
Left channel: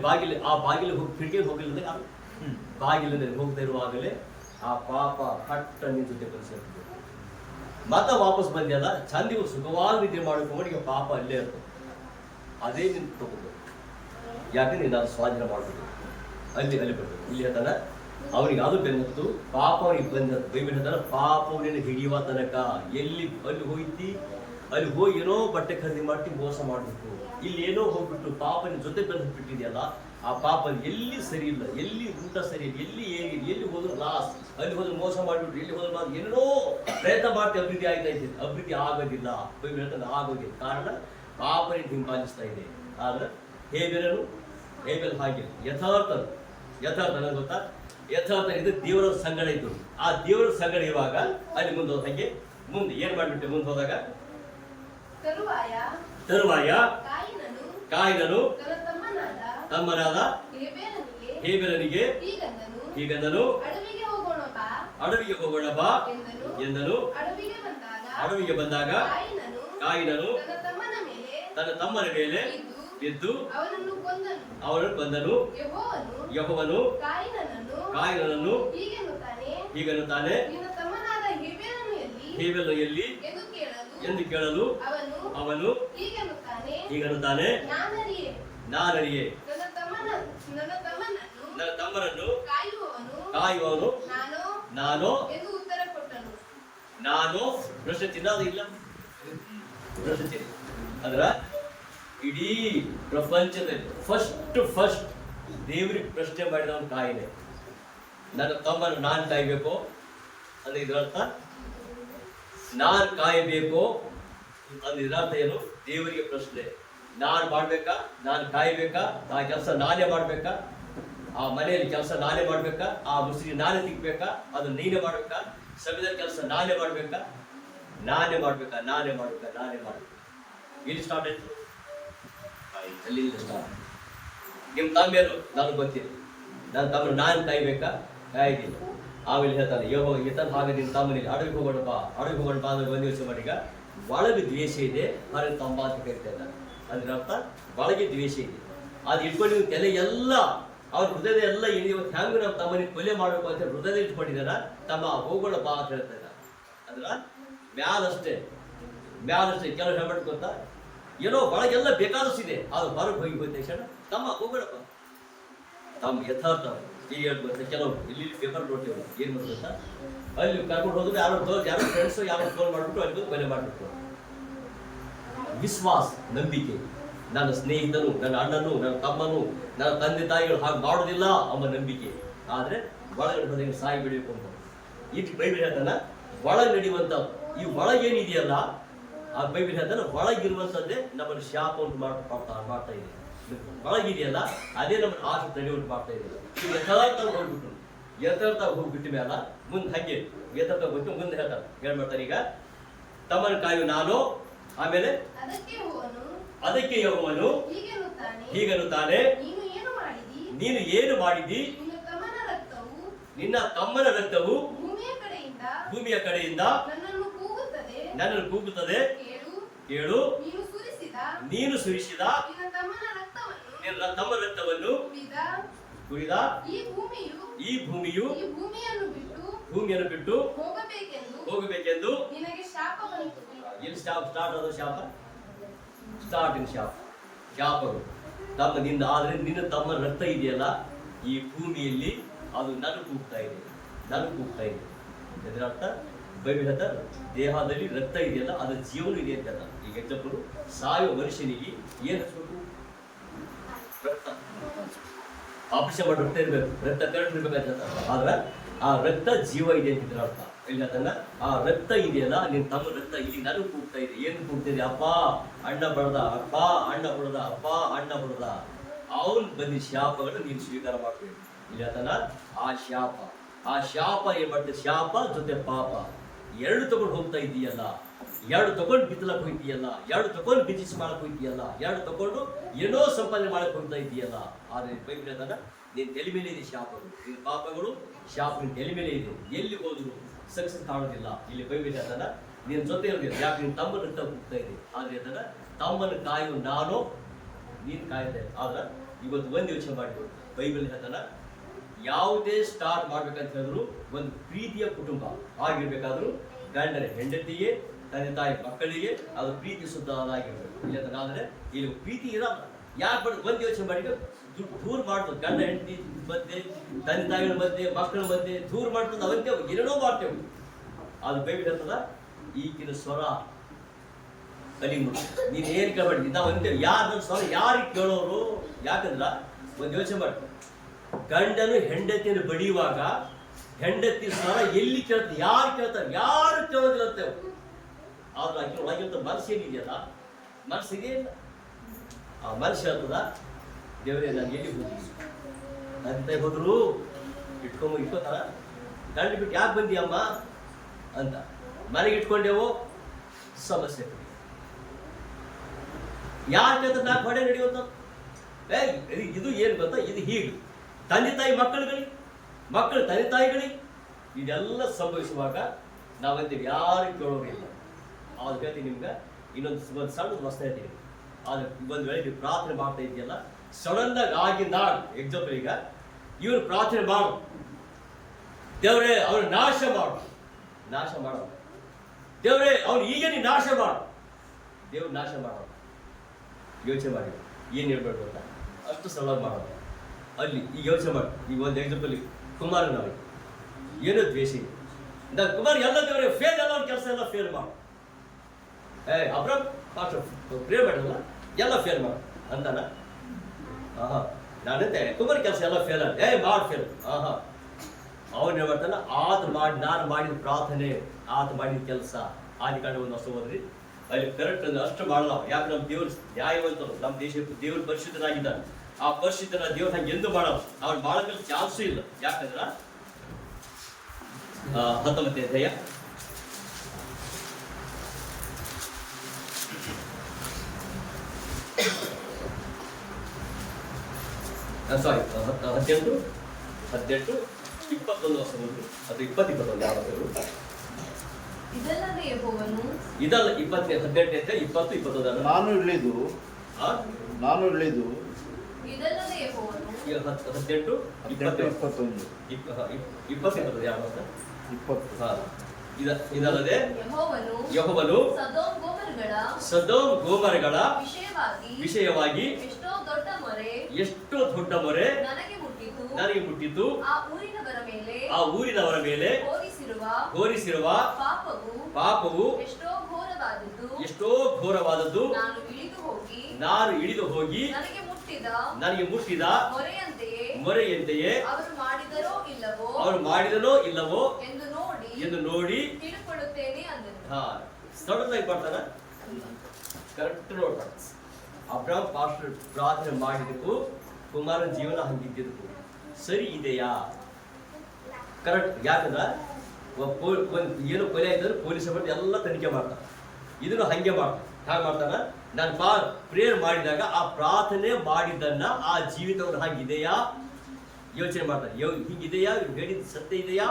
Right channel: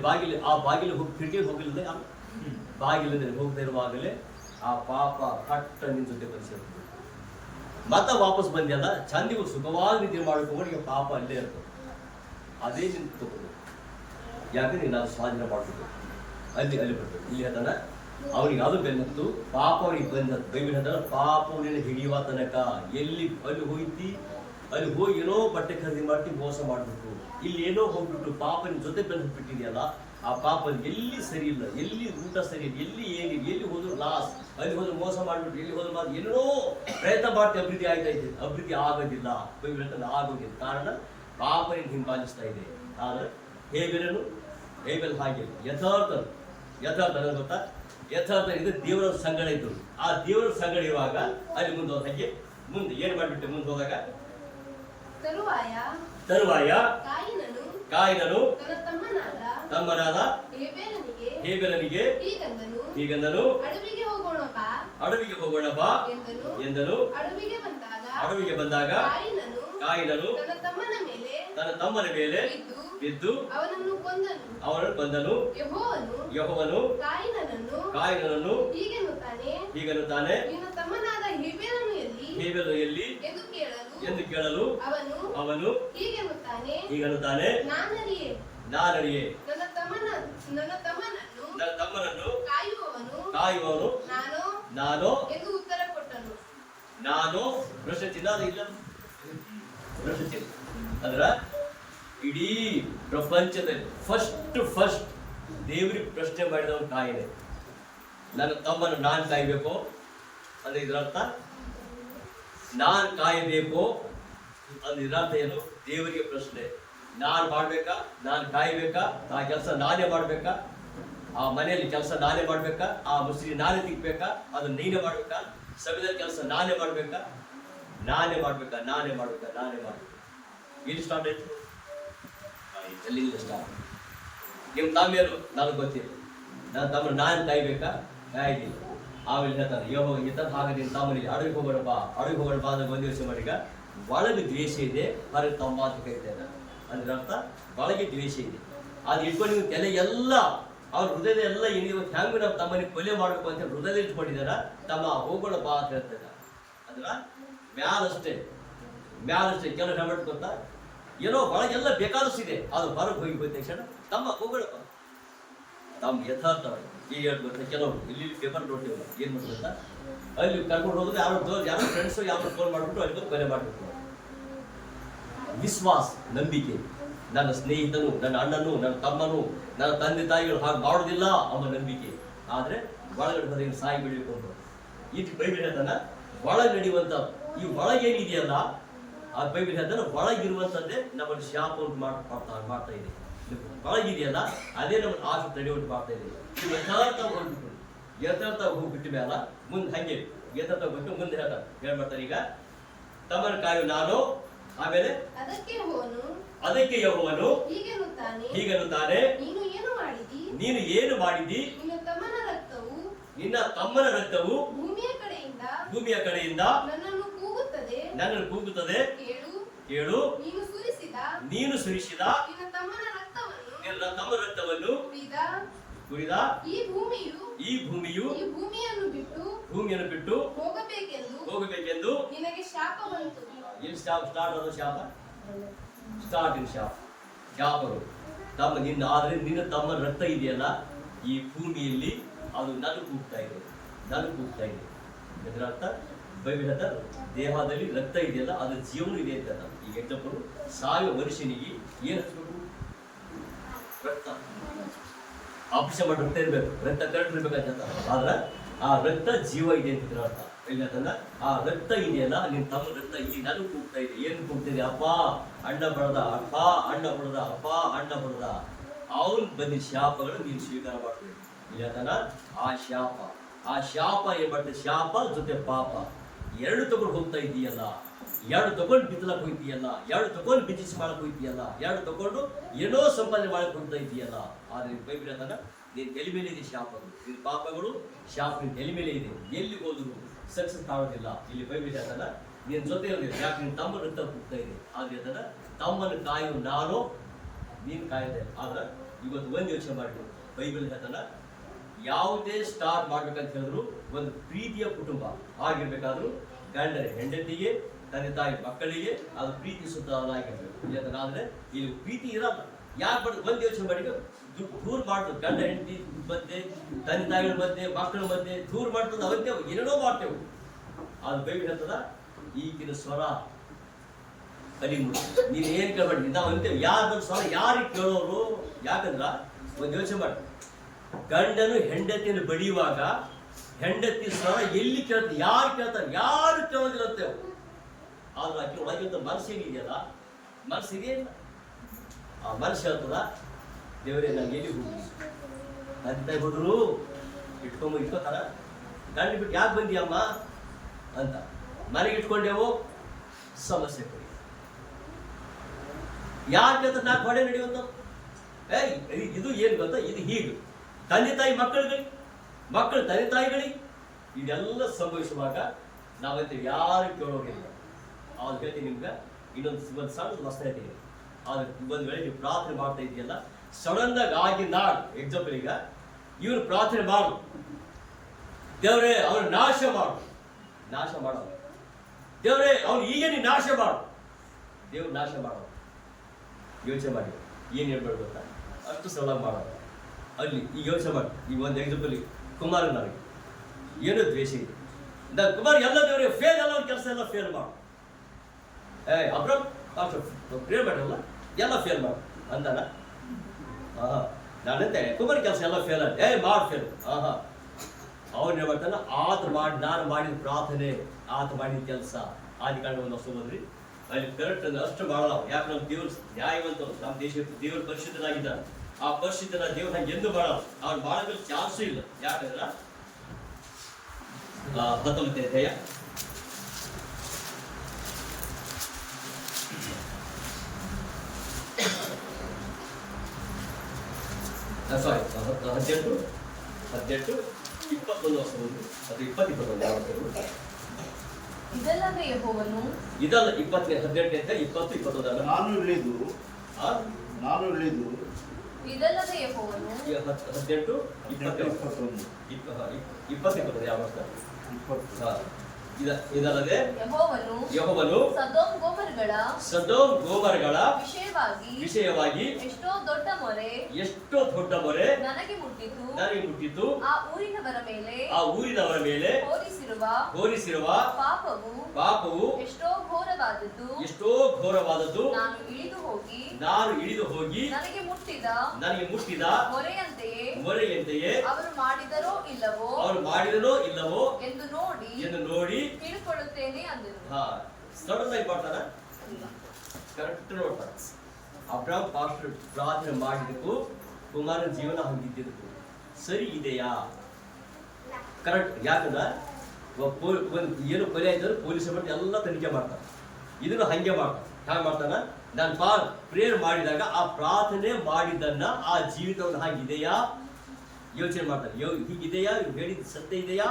ಬಾಗಿಲು ಹೋಗಿ ಕಿಟಕಿ ಹೋಗಿಲ್ಲ, ಬಾಗಿಲಿಂದ ಹೋಗ್ತಾ ಇರುವಾಗಲೇ ಆ ಪಾಪ ಪಟ್ಟ ನಿನ್ ಜೊತೆ ಬಂದು ಸೇರ್ಬೇಕು. ಮತ್ತ ವಾಪಸ್ ಬಂದಲ್ಲ, ಚಂದಿಗೂ ಸುಖವಾಗಿ ನಿದ್ದೆ ಮಾಡ್ಕೊಂಡು ಪಾಪ ಅಲ್ಲೇ ಇರ್ತದೆ. ಅದೇ ನಿನ್ ತಗೋಬೇಕು. ಯಾಕಂದ್ರೆ ನೀನು ಅದು ಸ್ವಾಧೀನ ಮಾಡ್ಬೇಕು. ಅಲ್ಲಿ ಬಿಡ್ಬೇಕು. ಇಲ್ಲಿ ಹೇಳ್ತಾನ, ಅವನಿಗೆ ಅದು ಬೆನ್ನತ್ತು, ಪಾಪ ಅವನಿಗೆ ಬಂದದ್ದು. ಬೈಬಲ್ ಹೇಳ್ತಾರ ಪಾಪ ಅವನಿಗೆ ಹಿಡಿಯುವ ತನಕ ಎಲ್ಲಿ ಅಲ್ಲಿ ಹೋಯ್ತಿ, ಅಲ್ಲಿ ಹೋಗಿ ಏನೋ ಬಟ್ಟೆ ಖರೀದಿ ಮಾಡ್ತಿ ಮೋಸ ಮಾಡ್ಬಿಟ್ಟು, ಇಲ್ಲಿ ಏನೋ ಹೋಗ್ಬಿಟ್ಟು ಪಾಪನ ಜೊತೆ ಬೆನ್ನ ಬಿಟ್ಟಿದೆಯಲ್ಲ, ಆ ಪಾಪ ಎಲ್ಲಿ ಸರಿ ಇಲ್ಲ, ಎಲ್ಲಿ ಊಟ ಸರಿ ಇಲ್ಲ, ಎಲ್ಲಿ ಹೇಗಿದೆ, ಎಲ್ಲಿ ಹೋದ್ರು ಲಾಸ್, ಅಲ್ಲಿ ಹೋದ್ರು ಮೋಸ ಮಾಡ್ಬಿಟ್ರು, ಎಲ್ಲಿ ಹೋದ್ರು ಮಾತ್ರ ಏನೇನೋ ಪ್ರಯತ್ನ ಮಾಡ್ತಿ ಅಭಿವೃದ್ಧಿ ಆಗ್ತಾ ಇದೆ, ಅಭಿವೃದ್ಧಿ ಆಗೋದಿಲ್ಲ. ಬೈಬಲ್ ಹೇಳ್ತಾನೆ ಆಗೋದಿಲ್ಲ. ಕಾರಣ ಪಾಪನಿಗೆ ಹಿಂಬಾಲಿಸ್ತಾ ಇದೆ. ಆದ್ರೆ ಹೇಬೆಲ್ ಹಾಗೆ ಯಥಾರ್ಥ ಗೊತ್ತಾ, ಯಥಾರ್ಥ ಇದು ದೇವರ ಸಂಗಡ ಇದ್ರು. ಆ ದೇವರ ಸಂಗಡ ಇರುವಾಗ ಅಲ್ಲಿ ಮುಂದೆ ಹೋದ ಹಾಗೆ ಮುಂದೆ ಏನ್ ಮಾಡ್ಬಿಟ್ಟು ಮುಂದೆ ಹೋದಾಗ ತರುವಾಯ ಕಾಯಿನನು ತಮ್ಮನಾದ ಹೇಬೆಲನಿಗೆ ಹೀಗಂದನು, ಅಡವಿಗೆ ಹೋಗೋಣ ಬಾ ಎಂದನು. ಅಡವಿಗೆ ಬಂದಾಗ ಕಾಯಿನನು ತನ್ನ ತಮ್ಮನ ಮೇಲೆ ಬಿದ್ದು ಅವನನ್ನು ಕೊಂದನು. ಯೆಹೋವನು ಕಾಯಿನನನ್ನು ಹೀಗನ್ನುತ್ತಾನೆ, ಹೇಬೆಲನು ಎಲ್ಲಿ ಎಂದು ಕೇಳಲು ಅವನು ಹೀಗನ್ನುತ್ತಾನೆ, ನಾನರಿಯೆ, ನನ್ನ ತಮ್ಮನನ್ನು ಕಾಯುವವನು ನಾನು ಪ್ರಶ್ನೆ ಚಿನ್ನಾದ ಇಲ್ಲ. ಪ್ರಶ್ನೆ ಚಿನ್ನ ಅಂದ್ರ ಇಡೀ ಪ್ರಪಂಚದಲ್ಲಿ ಫಸ್ಟ್ ದೇವ್ರಿಗೆ ಪ್ರಶ್ನೆ ಮಾಡಿದವನು ಕಾಯಿಲೆ. ನನ್ನ ತಮ್ಮನ್ನು ನಾನು ಕಾಯ್ಬೇಕು ಅಂದ್ರೆ ಇದರರ್ಥ, ನಾನು ಕಾಯಬೇಕು ಅಂದ್ರೆ ಇದರರ್ಥ ಏನು? ದೇವರಿಗೆ ಪ್ರಶ್ನೆ. ನಾನು ಮಾಡ್ಬೇಕಾ, ನಾನು ಕಾಯ್ಬೇಕಾ, ಆ ಕೆಲಸ ನಾನೇ ಮಾಡ್ಬೇಕಾ, ಆ ಮನೆಯಲ್ಲಿ ಕೆಲಸ ನಾನೇ ಮಾಡ್ಬೇಕಾ, ಆ ಮುಸ್ರಿ ನಾನೇ ತಿಕ್ಬೇಕಾ, ಅದನ್ನ ನೀನೇ ಮಾಡ್ಬೇಕಾ, ಸಭೆದ ಕೆಲಸ ನಾನೇ ಮಾಡ್ಬೇಕಾ, ನಾನೇ ಮಾಡ್ಬೇಕಾ. ಇಲ್ಲಿ ಸ್ಟಾರ್ಟ್ ಆಯ್ತು, ಎಲ್ಲಿಂದ ಸ್ಟಾರ್ಟ್? ನಿಮ್ಮ ತಮ್ಮೇನು ನನಗೆ ಗೊತ್ತಿಲ್ಲ, ನನ್ನ ತಮ್ಮನ ನಾನು ಕಾಯ್ಬೇಕಾ? ಕಾಯ್ದಿಲ್ಲ. ಆಮೇಲೆ ಹೇಳ್ತಾನೆ ಈತನ ಹಾಗೆ ನಿನ್ನ ತಮ್ಮನಿಲ್ಲ, ಅಡವಿಗೆ ಹೋಗೋಣ ಬಾ ಅಂದ್ರೆ ಒಂದು ಯೋಚನೆ ಮಾಡೀಗ ಒಳಗೆ ದ್ವೇಷ ಇದೆ, ಹೊರಗೆ ತಮ್ಮ ಅಂತ ಕರಿತಾ ಇದ್ದಾನೆ. ಅಂದ್ರೆ ಅರ್ಥ ಒಳಗೆ ದ್ವೇಷ ಇದೆ. ಅದು ಇಟ್ಕೊಂಡು ನೀವು ತಲೆ ಎಲ್ಲ ಅವ್ರ ಹೃದಯದ ಎಲ್ಲ ಇವತ್ತು ಹೆಂಗು ನಮ್ಮ ತಮ್ಮನಿಗೆ ಕೊಲೆ ಮಾಡಬೇಕು ಅಂತ ಹೃದಯದಲ್ಲಿ ಇಟ್ಕೊಂಡಿದ್ದಾರ. ತಮ್ಮ ಹೋಗೋಣ ಬಾ ಅಂತ ಹೇಳ್ತಾ ಇದ್ದಾರೆ. ಅದ್ರ ಮ್ಯಾಲಷ್ಟೇ ಕೆಲವು ಹೇಳ್ಬಿಟ್ಟು ಗೊತ್ತಾ, ಏನೋ ಒಳಗೆಲ್ಲ ಬೇಕಾದಷ್ಟು ಇದೆ, ಅದು ಹೊರಗೆ ಹೋದ ತಕ್ಷಣ ತಮ್ಮ ಹೋಗೋಣಪ್ಪ. ತಮ್ಮ ಯಥಾರ್ಥವಾಗಿ ಈಗ ಹೇಳ್ಬೋದು. ಕೆಲವರು ಇಲ್ಲಿ ಪೇಪರ್ ನೋಡ್ತೀವಿ, ಏನ್ ಮಾಡ್ತಾ ಅಲ್ಲಿ ಕರ್ಕೊಂಡು ಹೋದ್ರೆ ಯಾರೋ ಫ್ರೆಂಡ್ಸು ಯಾರೋ ಫೋನ್ ಮಾಡ್ಬಿಟ್ಟು ಅಲ್ಲಿ ಬಂದು ಕೊಲೆ ಮಾಡ್ಬಿಟ್ಟು. ವಿಶ್ವಾಸ, ನಂಬಿಕೆ, ನನ್ನ ಸ್ನೇಹಿತನು, ನನ್ನ ಅಣ್ಣನು, ನನ್ನ ತಮ್ಮನು, ನನ್ನ ತಂದೆ ತಾಯಿಗಳು ಹಾಗೆ ಮಾಡೋದಿಲ್ಲ ಎಂಬ ನಂಬಿಕೆ. ಆದ್ರೆ ಒಳಗಡೆ ಬಂದ ಸಾಯಿ ಬಿಡಬೇಕು ಅಂತ ಇದು ಬೈಬಲ್ ಹೇಳ್ತಾನ. ಒಳಗೆ ನಡೆಯುವಂತ ಈ ಒಳಗೇನಿದೆಯಲ್ಲ, ಆ ಬೈಬಲ್ ಹೇಳ್ತಾನೆ ಒಳಗಿರುವಂತದ್ದೇ ನಮ್ಮನ್ನು ಶಾಪ ಉಂಟು ಮಾಡ್ತಾ ಇದೆ. ಒಳಗಿದೆಯಲ್ಲ ಅದೇ ನಮ್ಮನ್ನು ಆಸೆ ತಡೆ ಉಂಟು ಮಾಡ್ತಾ ಇದೆ. ಇದು ಯಥಾರ್ಥ ಹೋಗ್ಬಿಟ್ಟು ಮೇಲ ಮುಂದೆ ಹಂಗೆ ಯಥಾರ್ಥ ಹೋಗ್ಬಿಟ್ಟು ಮುಂದೆ ಹೇಳ್ತಾರೆ ಈಗ ತಮ್ಮನ ಕಾಯು ನಾನು. ಆಮೇಲೆ ಅದಕ್ಕೆ ಯೆಹೋವನು ಹೀಗನ್ನುತ್ತಾನೆ, ನೀನು ಏನು ಮಾಡಿದಿ? ನಿನ್ನ ತಮ್ಮನ ರಕ್ತವು ಭೂಮಿಯ ಕಡೆಯಿಂದ ನನ್ನನ್ನು ಕೂಗುತ್ತದೆ. ಕೇಳು, ನೀನು ಸುರಿಸಿದ ನಿನ್ನ ತಮ್ಮನ ರಕ್ತವನ್ನು ಕುಡಿದ ಈ ಭೂಮಿಯು ಭೂಮಿಯನ್ನು ಬಿಟ್ಟು ಹೋಗಬೇಕೆಂದು ಇಲ್ಲಿ ಸ್ಟಾರ್ಟ್ ಆದ ಶಾಪಗಳು ನಿನ್ನ ತಮ್ಮನ ರಕ್ತ ಇದೆಯಲ್ಲ ಈ ಭೂಮಿಯಲ್ಲಿ, ಅದು ನನಗೆ ಕೂಗ್ತಾ ಇದೆ. ಇದರ ಅರ್ಥ ಬೈಬಲ್ ಹೇಳ್ತಾರೆ ದೇಹದಲ್ಲಿ ರಕ್ತ ಇದೆಯಲ್ಲ ಅದು ಜೀವನ ಇದೆ ಅಂತ ಹೇಳ್ತಾರೆ. ಈಗ ಎಕ್ಸಾಂಪಲ್ ಸಾಯುವ ಮನುಷ್ಯನಿಗೆ ಏನ್ ಹಚ್ಬೇಕು? ರಕ್ತ. ಆಪರೇಷನ್ ಮಾಡಿ ರಕ್ತ ಇರ್ಬೇಕು, ರಕ್ತ ಕರೆಕ್ಟ್ ಇರ್ಬೇಕಂತ ಹೇಳ್ತಾರೆ. ಆದ್ರೆ ಆ ರಕ್ತ ಜೀವ ಇದೆ ಅಂತ ಇದ್ರ ಅರ್ಥ. ಇಲ್ಲಿ ಅದನ್ನ ಆ ರಕ್ತ ಇದೆಯಲ್ಲ ನಿನ್ನ ತಮ್ಮ ರಕ್ತ ಇಲ್ಲಿ ನನಗೆ ಕೂಗ್ತಾ ಇದೆ. ಏನು ಕೂಗ್ತಿದೆ? ಅಪ್ಪ ಅಣ್ಣ ಬಡದ, ಅಪ್ಪ ಅಣ್ಣ ಬಡದ. ಅವನ್ ಬಂದಿದ್ದ ಶಾಪಗಳು ನೀನು ಸ್ವೀಕಾರ ಮಾಡ್ಬೇಕು. ಇಲ್ಲಿ ಅದನ್ನ ಆ ಶಾಪ ಏನ್ ಮಾಡ್ತೇವೆ? ಶಾಪ ಜೊತೆ ಪಾಪ ಎರಡು ತಗೊಂಡು ಹೋಗ್ತಾ ಇದ್ದೀಯಲ್ಲ, ಎರಡು ತಗೊಂಡು ಬಿತ್ತಲಕ್ಕೆ ಹೋಗ್ತೀಯಲ್ಲ, ಎರಡು ತಗೊಂಡು ಬಿಸಿನೆಸ್ ಮಾಡಕ್ ಹೋಗ್ತೀಯಲ್ಲ, ಎರಡು ತಗೊಂಡು ಏನೋ ಸಂಪಾದನೆ ಮಾಡಕ್ ಹೋಗ್ತಾ ಇದ್ದೀಯಲ್ಲ. ಆದ್ರೆ ಬೈಬಲ್ ಅದನ್ನ ನಿನ್ನ ತಲೆ ಮೇಲೆ ಇದೆ ಶಾಪಗಳು, ನಿನ್ನ ಪಾಪಗಳು ಶಾಪ ನಿನ್ನ ತಲೆ ಮೇಲೆ ಇದೆ. ಎಲ್ಲಿ ಹೋದ್ರು ಸಕ್ಸಸ್ ಕಾಣೋದಿಲ್ಲ. ಇಲ್ಲಿ ಬೈಬಲ್ ಅದನ್ನ ನಿನ್ನ ಜೊತೆ ಇರೋದಿಲ್ಲ. ಯಾಕೆ ನಿನ್ನ ತಮ್ಮನ ರಕ್ತ ಹೋಗ್ತಾ ಇದೆ. ಆದ್ರೆ ಅದನ್ನ ತಮ್ಮನ ಕಾಯು ನಾನು, ನೀನ್ ಕಾಯ್ದೆ. ಆದ್ರೆ ಇವತ್ತು ಒಂದು ಯೋಚನೆ ಮಾಡಿಕೊಡು. ಬೈಬಲ್ ಅದನ್ನ ಯಾವುದೇ ಸ್ಟಾರ್ಟ್ ಮಾಡ್ಬೇಕಂತ ಹೇಳಿದ್ರು ಒಂದು ಪ್ರೀತಿಯ ಕುಟುಂಬ ಆಗಿರ್ಬೇಕಾದ್ರು ಗಂಡನೆ ಹೆಂಡತಿಗೆ, ತಂದೆ ತಾಯಿ ಮಕ್ಕಳಿಗೆ ಅದು ಪ್ರೀತಿ ಸುದ್ದಾಗಿರ್ಬೇಕು. ಇಲ್ಲ ಆದ್ರೆ ಇಲ್ಲಿ ಪ್ರೀತಿ ಇರಲ್ಲ. ಯಾಕೆ ಬಡ ಒಂದು ಯೋಚನೆ ಮಾಡಿ ದೂರ ಮಾಡ್ತದೆ. ಗಂಡ ಹೆಂಡತಿ ಮಧ್ಯೆ, ತಂದೆ ತಾಯಿಗಳ ಮಧ್ಯೆ, ಮಕ್ಕಳ ಮಧ್ಯೆ ದೂರ ಮಾಡ್ತದೆ. ಅವಂತೆ ಏನೇನೋ ಮಾಡ್ತೇವೆ. ಅದು ಬೈಬಿಲ್ ಹೇಳ್ತದ, ಈಗಿನ ಸ್ವರ ಕಲಿ ಮುಡು. ನೀನ್ ಏನ್ ಕೇಳ್ಬೇಡಿ, ನಾವು ಅಂತೇವೆ ಯಾರು ನಮ್ಮ ಸ್ವರ ಯಾರಿಗೆ ಕೇಳೋರು? ಯಾಕಂದ್ರ ಒಂದು ಯೋಚನೆ ಮಾಡಿ, ಗಂಡನು ಹೆಂಡತಿಯನ್ನು ಬಡಿಯುವಾಗ ಹೆಂಡತಿ ಸ್ವರ ಎಲ್ಲಿ ಕೇಳ್ತಾರೆ? ಯಾರು ಕೇಳ್ತಾರೆ? ಯಾರು ಕೇಳೋದಿಲ್ಲಂತೇವೆ. ಆದ್ರೆ ಆಕೆ ಒಳಗಿಂತ ಮನಸ್ಸು ಏನಿದೆಯಲ್ಲ, ಮನಸ್ಸು ಇದೆಯಲ್ಲ, ಆ ಮನಸ್ಸು ಹೇಳ್ತದ, ದೇವರೇ ನಾನು ಎಲ್ಲಿ ಹೋಗಿ ತಂದೆ ತಾಯಿ ಹೋದ್ರು ಇಟ್ಕೋತಾರ. ಗಂಡ ಬಿಟ್ಟು ಯಾಕೆ ಬಂದಿಯಮ್ಮ ಅಂತ ಮನೆಗೆ ಇಟ್ಕೊಂಡೆವು, ಸಮಸ್ಯೆ ಕೊಡಿ. ಯಾರು ಕೇಳ್ತಾರೆ? ನಾಲ್ಕು ಹೊಡೆ ನಡೆಯುವಂತ ಇದು ಏನು ಗೊತ್ತಾ? ಇದು ಹೀಗೆ ತಂದೆ ತಾಯಿ ಮಕ್ಕಳುಗಳಿಗೆ, ಮಕ್ಕಳು ತಂದೆ ತಾಯಿಗಳಿಗೆ ಇದೆಲ್ಲ ಸಂಭವಿಸುವಾಗ ನಾವಂತೀವಿ ಯಾರು ಕೇಳೋರಿಲ್ಲ. ಅವ್ರು ಹೇಳ್ತೀನಿ ನಿಮ್ಗೆ ಇನ್ನೊಂದು ಸಣ್ಣ ವಸ್ತು ಹೇಳ್ತೀನಿ. ಆದ್ರೆ ಒಂದು ವೇಳೆ ನೀವು ಪ್ರಾರ್ಥನೆ ಮಾಡ್ತಾ ಇದೆಯಲ್ಲ, ಸಡನ್ ಆಗಿ ಆಗಿಂದಾಗ ಎಕ್ಸಾಂಪಲ್ ಈಗ ಇವನು ಪ್ರಾರ್ಥನೆ ಮಾಡು, ದೇವ್ರೇ ಅವನು ನಾಶ ಮಾಡು ದೇವ್ರೇ ಅವನು ಈಗ ನೀನು ನಾಶ ಮಾಡು. ದೇವ್ರು ನಾಶ ಮಾಡೋದು ಯೋಚನೆ ಮಾಡಿ ಏನು ಹೇಳ್ಬೇಡ ಗೊತ್ತಾ? ಅಷ್ಟು ಸರಳ ಮಾಡೋದು. ಅಲ್ಲಿ ಈಗ ಯೋಚನೆ ಮಾಡಿ, ಈಗ ಒಂದು ಎಕ್ಸಾಂಪಲ್ ಕುಮಾರ್ ನನಗೆ ಏನೋ ದ್ವೇಷ ಇದೆ, ನಾನು ಕುಮಾರ್ ಎಲ್ಲ ದೇವ್ರಿಗೆ ಫೇಲ್, ಎಲ್ಲ ಕೆಲಸ ಎಲ್ಲ ಫೇಲ್ ಮಾಡು. ಅಬ್ರಮ್ ಪ್ರೇರ್ ಮಾಡಿರಲ್ಲ, ಎಲ್ಲ ಫೇಲ್ ಮಾಡು ಅಂತಾನ? ನಾನಂತೆ ಕುಮಾರ್ ಕೆಲಸ ಎಲ್ಲ ಫೇಲ್ ಆದ, ಮಾಡಿ ಫೇಲ್. ಅವನು ಏನ್ ಮಾಡ್ತಾನ? ನಾನು ಮಾಡಿದ ಪ್ರಾರ್ಥನೆ, ಆತ ಮಾಡಿದ ಕೆಲಸ, ಆದಿಕಾಂಡ ಒಂದು ವರ್ಷ ಹೋದ್ರಿ ಅಲ್ಲಿ ಕರೆಕ್ಟ್ ಅಂದ್ರೆ ಅಷ್ಟು ಮಾಡಲ್ಲ. ಯಾಕೆ ನಮ್ಮ ದೇವ್ರ ನ್ಯಾಯವಂತರು, ನಮ್ಮ ದೇಶ ದೇವ್ರ ಪರಿಶುದ್ಧನಾಗಿದ್ದಾನೆ. ಆ ಪರಿಶುದ್ಧನ ದೇವ್ರ ಹಂಗೆ ಎಂದು ಮಾಡಲ್ಲ, ಅವ್ನು ಮಾಡಕ್ಕೆ ಚಾನ್ಸೂ ಇಲ್ಲ. ಯಾಕಂದ್ರ 19ನೇ ಅಧ್ಯಾಯ ಸಾರಿ 18 21 ವರ್ಷ ಹೋದ್ರು, ಅದು 20-21 ಯಾವತ್ತವರು ಇದಲ್ಲದೆ ಯೆಹೋವನು ಇದಲ್ಲ 18 20-21 ನಾನು ಇಳಿದು ಇದಲ್ಲದೆ ಯೆಹೋವನು 18 21 20-21 ಯಾವ ವರ್ಷ? 20 ಇದಲ್ಲದೆ ಯೆಹೋವನು ಸೊದೋಮ್ ಗೊಮೋರಗಳ ವಿಷಯವಾಗಿ ಎಷ್ಟೋ ದೊಡ್ಡ ಮೊರೆ ನನಗೆ ಮುಟ್ಟಿತು. ಆ ಊರಿನವರ ಮೇಲೆ ಹೋರಿಸಿರುವ ಪಾಪವು ಎಷ್ಟೋ ಘೋರವಾದದ್ದು. ನಾನು ಇಳಿದು ಹೋಗಿ ನನಗೆ ಮುಟ್ಟಿದ ಮೊರೆಯಂತೆಯೇ ಅವರು ಮಾಡಿದನೋ ಇಲ್ಲವೋ ಎಂದು ನೋಡಿ ಸಡನ್ ಆಗಿ ಮಾಡ್ತಾರ, ಕರೆಕ್ಟ್ ನೋಡ್ತಾರ. ಅಬ್ರಾಮ್ ಪಾಸ್ಟರ್ ಪ್ರಾರ್ಥನೆ ಮಾಡಿದಕ್ಕೂ ಕುಮಾರನ ಜೀವನ ಹಂಗಿದ್ದಕ್ಕೂ ಸರಿ ಇದೆಯಾ? ಕರೆಕ್ಟ್. ಯಾಕಂದ್ರ ಏನು ಕೊಲೆ ಆಯ್ತಂದ್ರೆ ಪೊಲೀಸ್ ಬರ್ದು ಎಲ್ಲ ತನಿಖೆ ಮಾಡ್ತಾರ. ಇದನ್ನು ಹಂಗೆ ಮಾಡ್ತಾರ. ಹ್ಯಾಂಗ ಮಾಡ್ತಾನ? ನಾನು ಪ್ರೇಯರ್ ಮಾಡಿದಾಗ ಆ ಪ್ರಾರ್ಥನೆ ಮಾಡಿದ್ದನ್ನ ಆ ಜೀವಿತವನ್ನು ಹಂಗಿದೆಯಾ ಯೋಚನೆ ಮಾಡ್ತಾರೆ. ಹೀಗಿದೆಯಾ? ಇವ್ರು ಹೇಳಿದ ಸತ್ಯ ಇದೆಯಾ?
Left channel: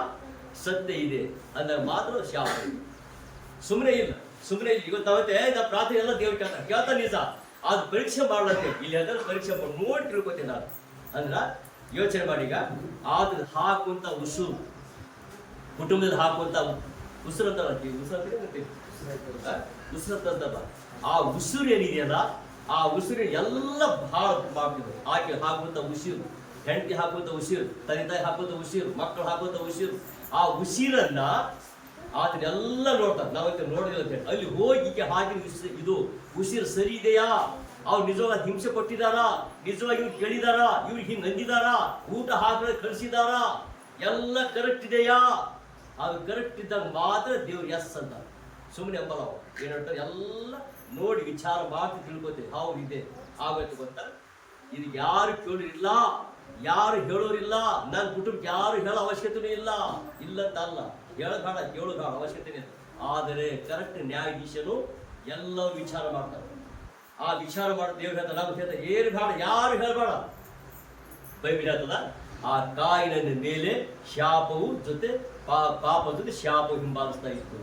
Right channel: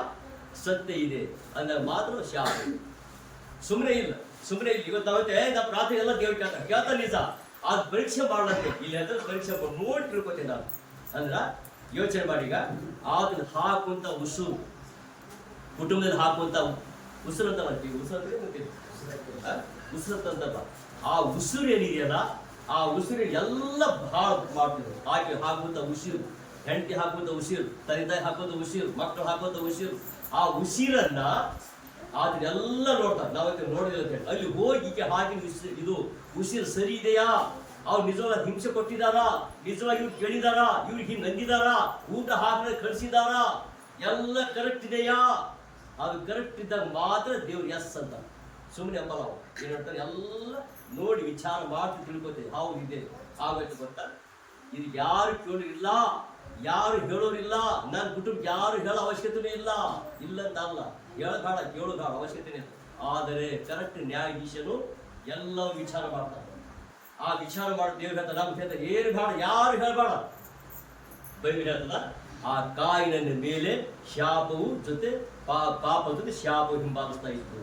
ಸತ್ಯ ಇದೆ ಅಂದಾಗ ಮಾತ್ರ ಶಾಪ ಇದೆ. ಸುಮ್ಮನೆ ಇಲ್ಲ. ಇವತ್ತು ನಾವಂತೆ ನಾವು ಪ್ರಾರ್ಥನೆ ಎಲ್ಲ ದೇವ್ರಿಗೆ ಕೇಳ್ತಾ ನಿಜ, ಅದು ಪರೀಕ್ಷೆ ಮಾಡ್ಲತ್ತೇವೆ. ಇಲ್ಲಿ ಅಂದ್ರೆ ಪರೀಕ್ಷೆ ನೋಡಿ ತಿಳ್ಕೊತೀನಿ ನಾನು. ಅಂದ್ರ ಯೋಚನೆ ಮಾಡಿ, ಈಗ ಆತನ ಹಾಕುವಂತ ಉಸುರು, ಕುಟುಂಬದಲ್ಲಿ ಹಾಕುವಂತ ಉಸಿರು ಅಂತ ಉಸಿರಂತಲ್ಲ, ಆ ಉಸಿರು ಏನಿದೆಯಲ್ಲ, ಆ ಉಸಿರು ಎಲ್ಲ ಬಹಳ ಮಾಡ್ತಿದ್ರು. ಆಕೆ ಹಾಕುವಂತ ಉಸಿರು, ಹೆಂಡತಿ ಹಾಕುವಂತ ಉಸಿರು, ತಂದೆ ತಾಯಿ ಹಾಕುವಂತ ಉಸಿರು, ಮಕ್ಕಳು ಹಾಕುವಂತ ಉಸಿರು, ಆ ಉಸಿರನ್ನ ಅದನ್ನೆಲ್ಲ ನೋಡ್ತಾರೆ. ನಾವೈತೆ ನೋಡೋದಿಲ್ಲ ಅಂತ ಹೇಳಿ ಅಲ್ಲಿ ಹೋಗಿ ಈಕೆ ಹಾಕಿದ ಇದು ಉಸಿರು ಸರಿ ಇದೆಯಾ? ಅವ್ರು ನಿಜವಾಗಿ ಹಿಂಸೆ ಕೊಟ್ಟಿದಾರಾ? ನಿಜವಾಗಿ ಇವ್ರು ಕೇಳಿದಾರ? ಇವ್ರಿಗೆ ಹಿಂಗ್ ಅಂದಿದಾರ? ಊಟ ಹಾಕಿದ್ರೆ ಕಳಿಸಿದಾರ? ಎಲ್ಲ ಕರೆಕ್ಟ್ ಇದೆಯಾ? ಅದು ಕರೆಕ್ಟ್ ಇದ್ದಾಗ ಮಾತ್ರ ದೇವ್ರು ಎಸ್ ಅಂತ. ಸುಮ್ಮನೆ ಅಂಬಲ್ಲ. ಅವು ಏನ್ ಹೇಳ್ತಾರೆ, ಎಲ್ಲ ನೋಡಿ ವಿಚಾರ ಮಾಡ್ತಿ ತಿಳ್ಕೊತೀವಿ. ಹೌದು ಇದೆ ಆಗೋಯ್ತು ಗೊತ್ತಾ? ಇದು ಯಾರು ಕೇಳೋರಿಲ್ಲ, ಯಾರು ಹೇಳೋರಿಲ್ಲ. ನನ್ನ ಕುಟುಂಬಕ್ಕೆ ಯಾರು ಹೇಳೋ ಅವಶ್ಯಕತೆನೂ ಇಲ್ಲ. ಇಲ್ಲಂತ ಅಲ್ಲ, ಹೇಳೋದಾಳ ಕೇಳೋದಾಳ ಅವಶ್ಯಕತೆನೇ ಇಲ್ಲ. ಆದರೆ ಕರೆಕ್ಟ್ ನ್ಯಾಯಾಧೀಶನು ಎಲ್ಲವೂ ವಿಚಾರ ಮಾಡ್ತಾರೆ. ಆ ವಿಚಾರ ಮಾಡಿ ದೇವ್ರು ಹೇಳ್ತಾರೆ, ನಮ್ಗೆ ಹೇಳ್ತಾರೆ ಏನು ಬೇಡ, ಯಾರು ಹೇಳಬೇಡ. ಬೈಬಲ್ ಹೇಳ್ತದ, ಆ ಕಾಯಿನ ಮೇಲೆ ಶಾಪವು ಜೊತೆ ಪಾಪ ಜೊತೆ ಶಾಪವು ಹಿಂಬಾಲಿಸ್ತಾ ಇತ್ತು.